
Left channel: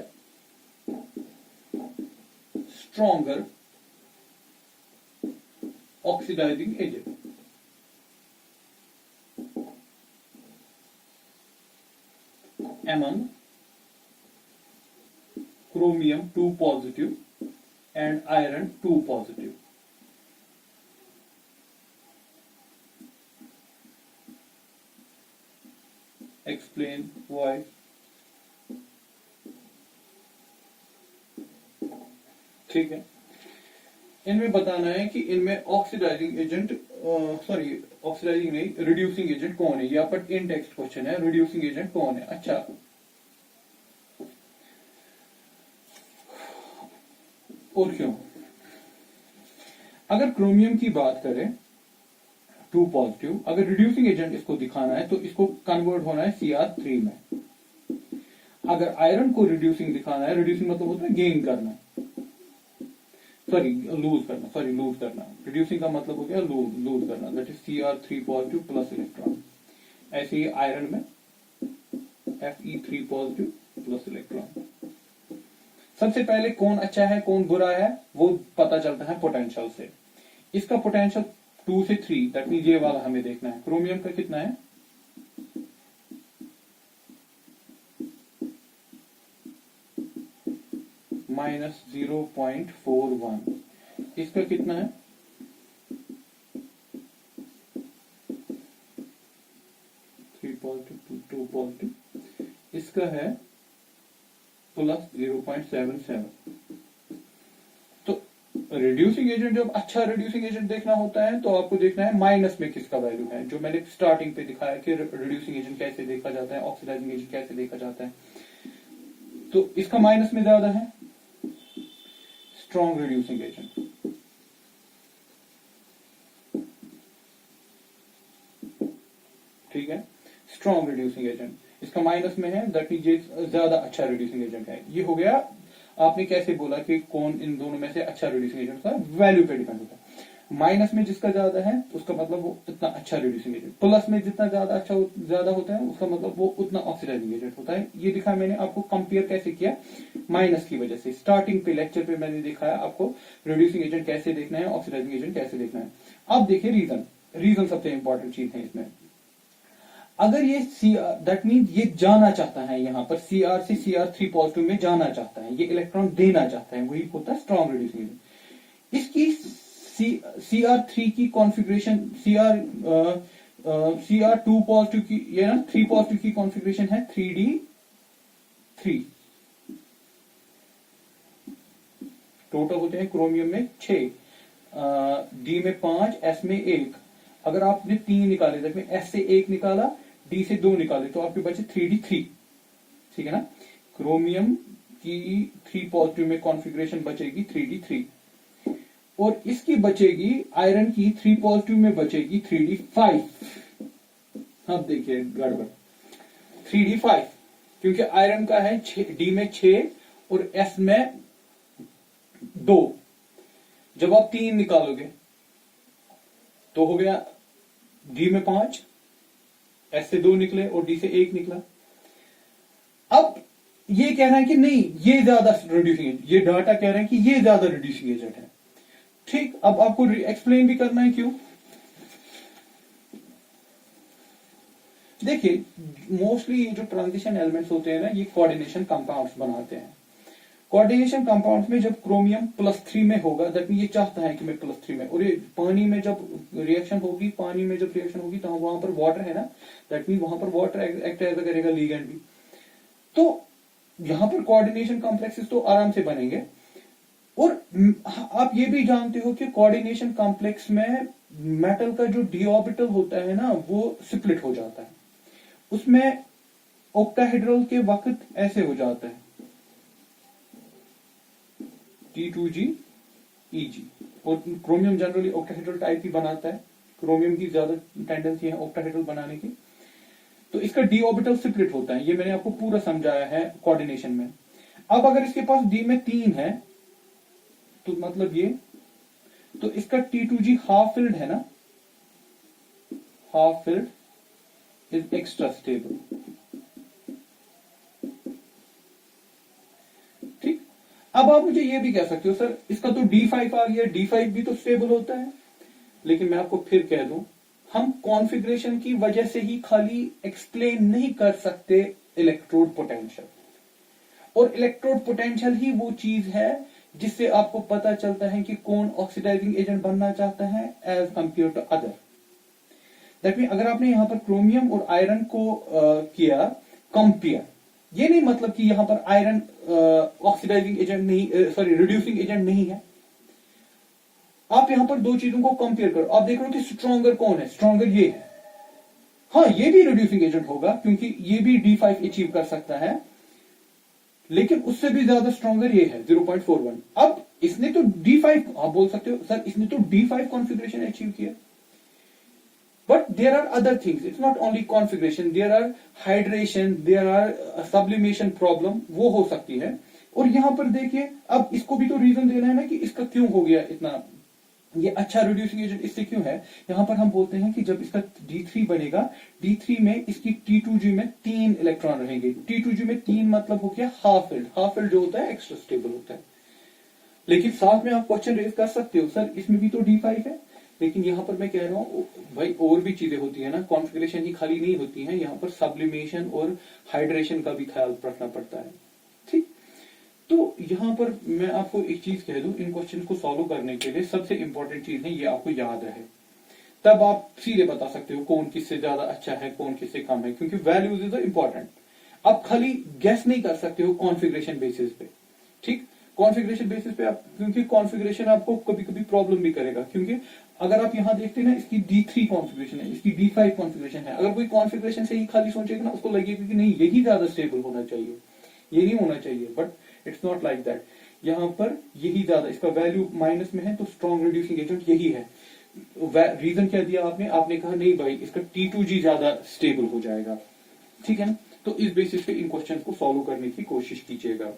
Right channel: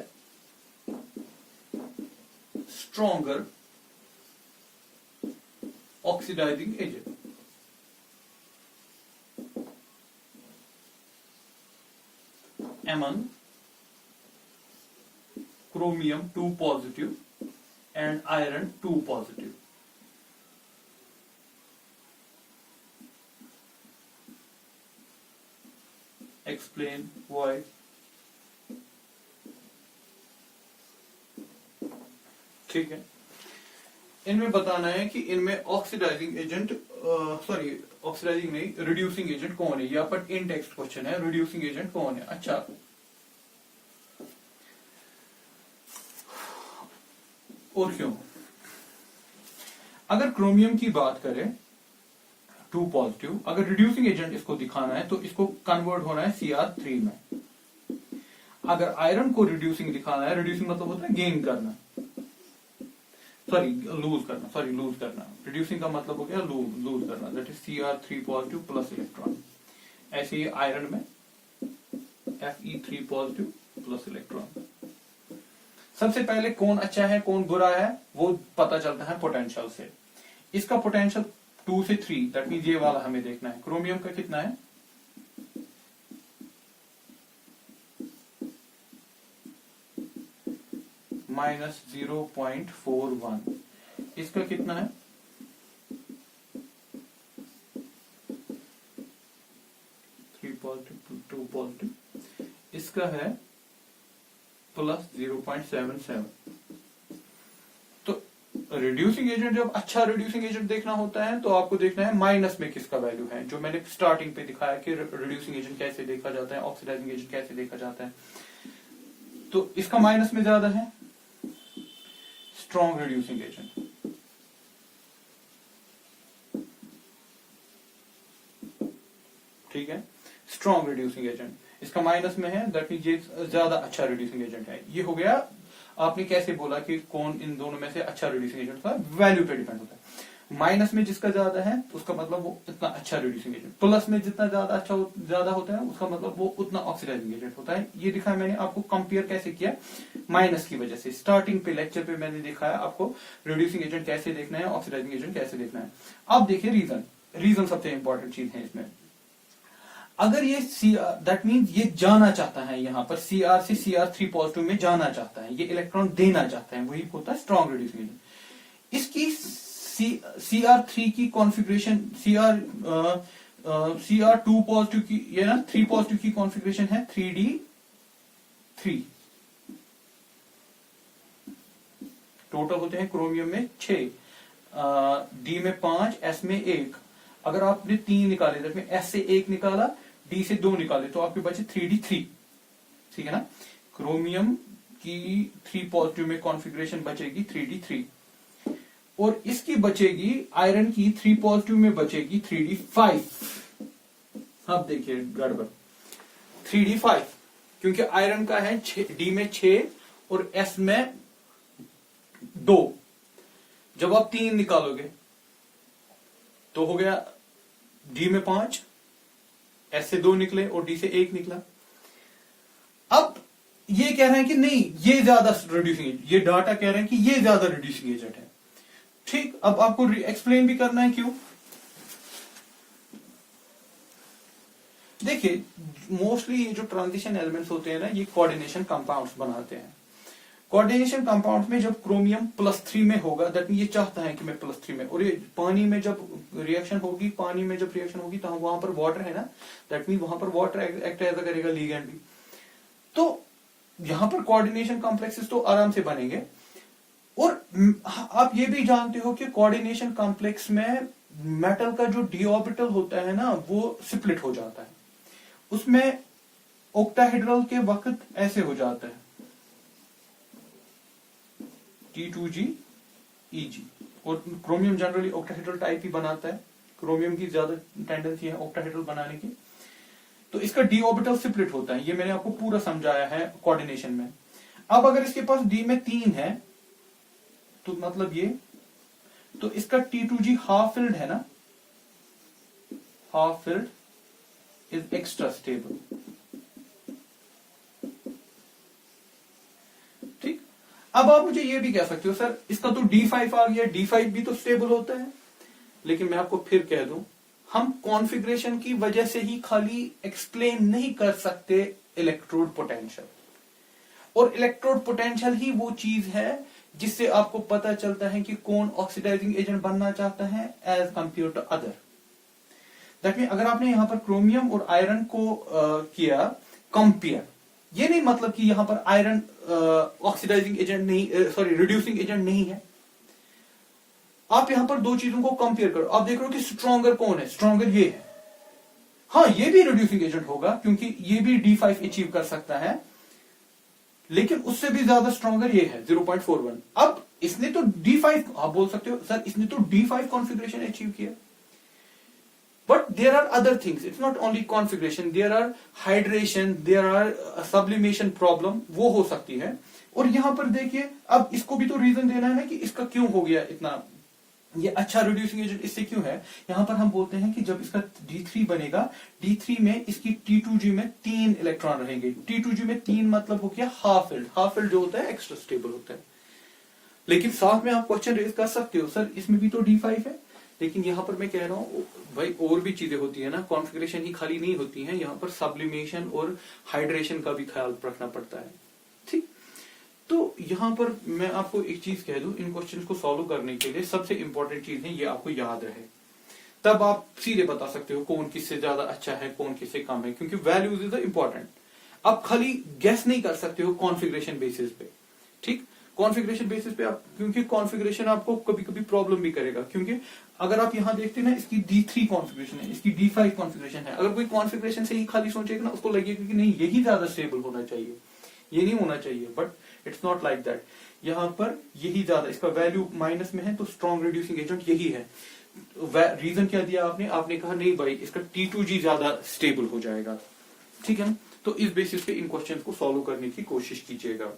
stronger oxidising agent. among chromium 2 positive and iron 2 positive. Explain why. ठीक है, इनमें बताना है कि इनमें ऑक्सीडाइजिंग एजेंट, सॉरी ऑक्सीडाइजिंग नहीं, रिड्यूसिंग एजेंट कौन है। यहाँ पर इन टेक्स्ट क्वेश्चन है, रिड्यूसिंग एजेंट कौन है। अच्छा, और क्यों? अगर क्रोमियम की बात करें 2 पॉजिटिव, अगर रिड्यूसिंग एजेंट इसको दिखाना है तो इसको कन्वर्ट होना है Cr3 में। अगर आयरन को रिड्यूसिंग दिखाना है, रिड्यूसिंग मतलब होता है गेन करना, सॉरी लूज करना, सॉरी लूज करना, रिड्यूसिंग का मतलब हो गया लूज करना, that is Cr3 positive plus electron. ऐसे ही आयरन में Fe3 पॉजिटिव प्लस इलेक्ट्रॉन। सबसे पहले कौन अच्छा है कौन बुरा है वो पता चलता है पोटेंशियल से। इसका पोटेंशियल 2 से 3, दैट मीन ये वाला हमें देखना है। क्रोमियम का कितना है, -0.41। इसका कितना है, टू पॉजिटिव, इसका है +0.77। तो रिड्यूसिंग एजेंट, जब अच्छा रिड्यूसिंग एजेंट देखना होता है तो आपको देखना है माइनस में किसका वैल्यू है, जो मैंने स्टार्टिंग पे दिखाया कि रिड्यूसिंग एजेंट कैसे देखा जाता है, ऑक्सीडाइजिंग एजेंट कैसे देखा जाता है। तो इसका माइनस में ज्यादा है स्ट्रॉन्ग रिड्यूसिंग एजेंट। ठीक है, स्ट्रॉन्ग रिड्यूसिंग एजेंट इसका माइनस में है, दैट मीन ये ज्यादा अच्छा रिड्यूसिंग एजेंट है। ये हो गया, आपने कैसे बोला कि कौन इन दोनों में से अच्छा रिड्यूसिंग एजेंट था, वैल्यू पे डिपेंड होता है। माइनस में जिसका ज्यादा है उसका मतलब वो इतना अच्छा रिड्यूसिंग एजेंट, प्लस में जितना ज्यादा होता है उसका मतलब वो उतना ऑक्सीडाइजिंग एजेंट होता है। ये दिखाया मैंने आपको, कंपेयर कैसे किया, माइनस की वजह से। स्टार्टिंग पे लेक्चर पे मैंने दिखाया आपको रिड्यूसिंग एजेंट कैसे देखना है, ऑक्सीडाइजिंग एजेंट कैसे देखना है। अब देखिए रीजन सबसे इंपॉर्टेंट चीज है इसमें। अगर ये दैट मीन ये जाना चाहता है, यहां पर Cr से Cr3 पॉजिटिव में जाना चाहता है, ये इलेक्ट्रॉन देना चाहता है, वही होता है स्ट्रॉन्ग रिड्यूसिंग एजेंट। इसकी Cr3 की कॉन्फ़िगरेशन, Cr2 पॉजिटिव की, ये ना 3 पॉजिटिव की कॉन्फ़िगरेशन है 3d3। टोटल होते हैं क्रोमियम में 6, D में 5, S में 1। अगर आपने 3 निकाले, दैट मीन S से 1 निकाला, D से 2 निकाले, तो आपके बचे 3d3। ठीक है ना, क्रोमियम की 3 पॉजिटिव में कॉन्फ़िगरेशन बचेगी 3d3, और इसकी बचेगी आयरन की 3 पॉजिटिव में बचेगी 3d5। अब देखिए गड़बड़, 3d5 क्योंकि आयरन का है D में 6 और S में 2। जब आप 3 निकालोगे तो हो गया D में 5, S से 2 निकले और D से 1 निकला। अब ये कह रहे हैं कि नहीं ये ज्यादा रिड्यूसिंग एजेंट, ये डाटा कह रहे हैं कि ये ज्यादा रिड्यूसिंग एजेंट है। ठीक, अब आपको एक्सप्लेन भी करना है क्यों। देखिए मोस्टली ये जो ट्रांजिशन एलिमेंट्स होते हैं ना, ये कोऑर्डिनेशन कंपाउंड्स बनाते हैं। कोऑर्डिनेशन कंपाउंड में जब क्रोमियम +3 में होगा, दैट मीन ये चाहता है कि मैं +3 में, और ये पानी में जब रिएक्शन होगी, तो वहां पर वाटर है ना, दैट मीन वहां पर वाटर एक्ट ऐसा करेगा लिगैंड भी। तो यहां पर कोऑर्डिनेशन कॉम्प्लेक्सेस तो आराम से बनेंगे। और आप ये भी जानते हो कि कोऑर्डिनेशन कॉम्प्लेक्स में मेटल का जो डी ऑर्बिटल होता है ना, वो स्प्लिट हो जाता है। उसमें ऑक्टाहेड्रल के वक्त ऐसे हो जाता है T2G और क्रोमियम जनरली ऑक्टाहेड्रल टाइप ही बनाता है, क्रोमियम की ज्यादा टेंडेंसी है ऑक्टाहेड्रल बनाने की। तो इसका डी ऑर्बिटल स्प्लिट होता है, ये मैंने आपको पूरा समझाया है कोऑर्डिनेशन में। अब अगर इसके पास डी में 3 है तो मतलब ये, तो इसका T2G हाफ फिल्ड है ना, half filled is extra stable. ठीक, अब आप मुझे ये भी कह सकते हो सर इसका तो D5 आ गया, D5 भी तो स्टेबल होता है, लेकिन मैं आपको फिर कह दूं हम कॉन्फ़िगरेशन की वजह से ही खाली एक्सप्लेन नहीं कर सकते इलेक्ट्रोड पोटेंशियल, और इलेक्ट्रोड पोटेंशियल ही वो चीज है जिससे आपको पता चलता है कि कौन ऑक्सीडाइजिंग एजेंट बनना चाहता है as compare to other. That mean अगर आपने यहां पर क्रोमियम और आयरन को किया कंपेयर, ये नहीं मतलब कि यहां पर आयरन ऑक्सीडाइजिंग एजेंट नहीं, सॉरी रिड्यूसिंग एजेंट नहीं है। आप यहां पर दो चीजों को कंपेयर करो, आप देख रहे हो कि स्ट्रॉन्गर कौन है, स्ट्रॉन्गर ये है। हाँ ये भी रिड्यूसिंग एजेंट होगा क्योंकि ये भी D5 अचीव कर सकता है, लेकिन उससे भी ज्यादा स्ट्रॉन्गर ये है 0.41। अब इसने तो D5, आप बोल सकते हो सर इसने तो D5 कॉन्फ़िगरेशन अचीव किया, but there are other things, it's not only configuration, there are hydration, there are sublimation problem, वो हो सकती है। और यहां पर देखिए अब इसको भी तो रीजन देना है ना कि इसका क्यों हो गया इतना, ये अच्छा रिड्यूसिंग एजेंट इससे क्यों है। यहां पर हम बोलते हैं कि जब इसका D3 बनेगा, D3 में इसकी T2G में 3 इलेक्ट्रॉन रहेंगे। T2G में 3 मतलब हो गया हाफ फिल्ड, हाफ फिल्ड जो होता है एक्स्ट्रा स्टेबल होता है। लेकिन साथ में आप क्वेश्चन रेज कर सकते हो सर इसमें भी तो D5 है, लेकिन यहां पर मैं कह रहा हूं भाई और भी चीजें होती है ना, कॉन्फ़िगरेशन ही खाली नहीं होती है, यहां पर सब्लिमेशन और हाइड्रेशन का भी ख्याल रखना पड़ता है। ठीक, तो यहां पर मैं आपको एक चीज कह दूं, इन क्वेश्चन को सॉल्व करने के लिए सबसे इंपॉर्टेंट चीज है ये आपको याद रहे, तब आप सीधे बता सकते हो कौन किससे ज्यादा अच्छा है कौन किससे कम है, क्योंकि वैल्यूज इज इंपॉर्टेंट। आप खाली गेस नहीं कर सकते हो कॉन्फ़िगरेशन बेसिस पे। ठीक, कॉन्फ़िगरेशन बेसिस पे आप, क्योंकि कॉन्फ़िगरेशन आपको कभी कभी प्रॉब्लम भी करेगा, क्योंकि अगर आप यहां देखते हैं ना इसकी D3 कॉन्फ़िगरेशन है, इसकी D5 कॉन्फ़िगरेशन है, अगर कोई कॉन्फ़िगरेशन से ही खाली सोचेगा ना उसको लगेगा कि नहीं यही ज्यादा स्टेबल होना चाहिए, ये नहीं होना चाहिए, but it's not like that. यहां पर यही ज्यादा, इसका वैल्यू माइनस में है तो स्ट्रॉन्ग रिड्यूसिंग एजेंट यही है। रीजन क्या दिया आपने, आपने कहा नहीं भाई इसका T2G ज्यादा स्टेबल हो जाएगा। ठीक है, तो इस बेसिस पे इन क्वेश्चन को सॉल्व करने की कोशिश कीजिएगा।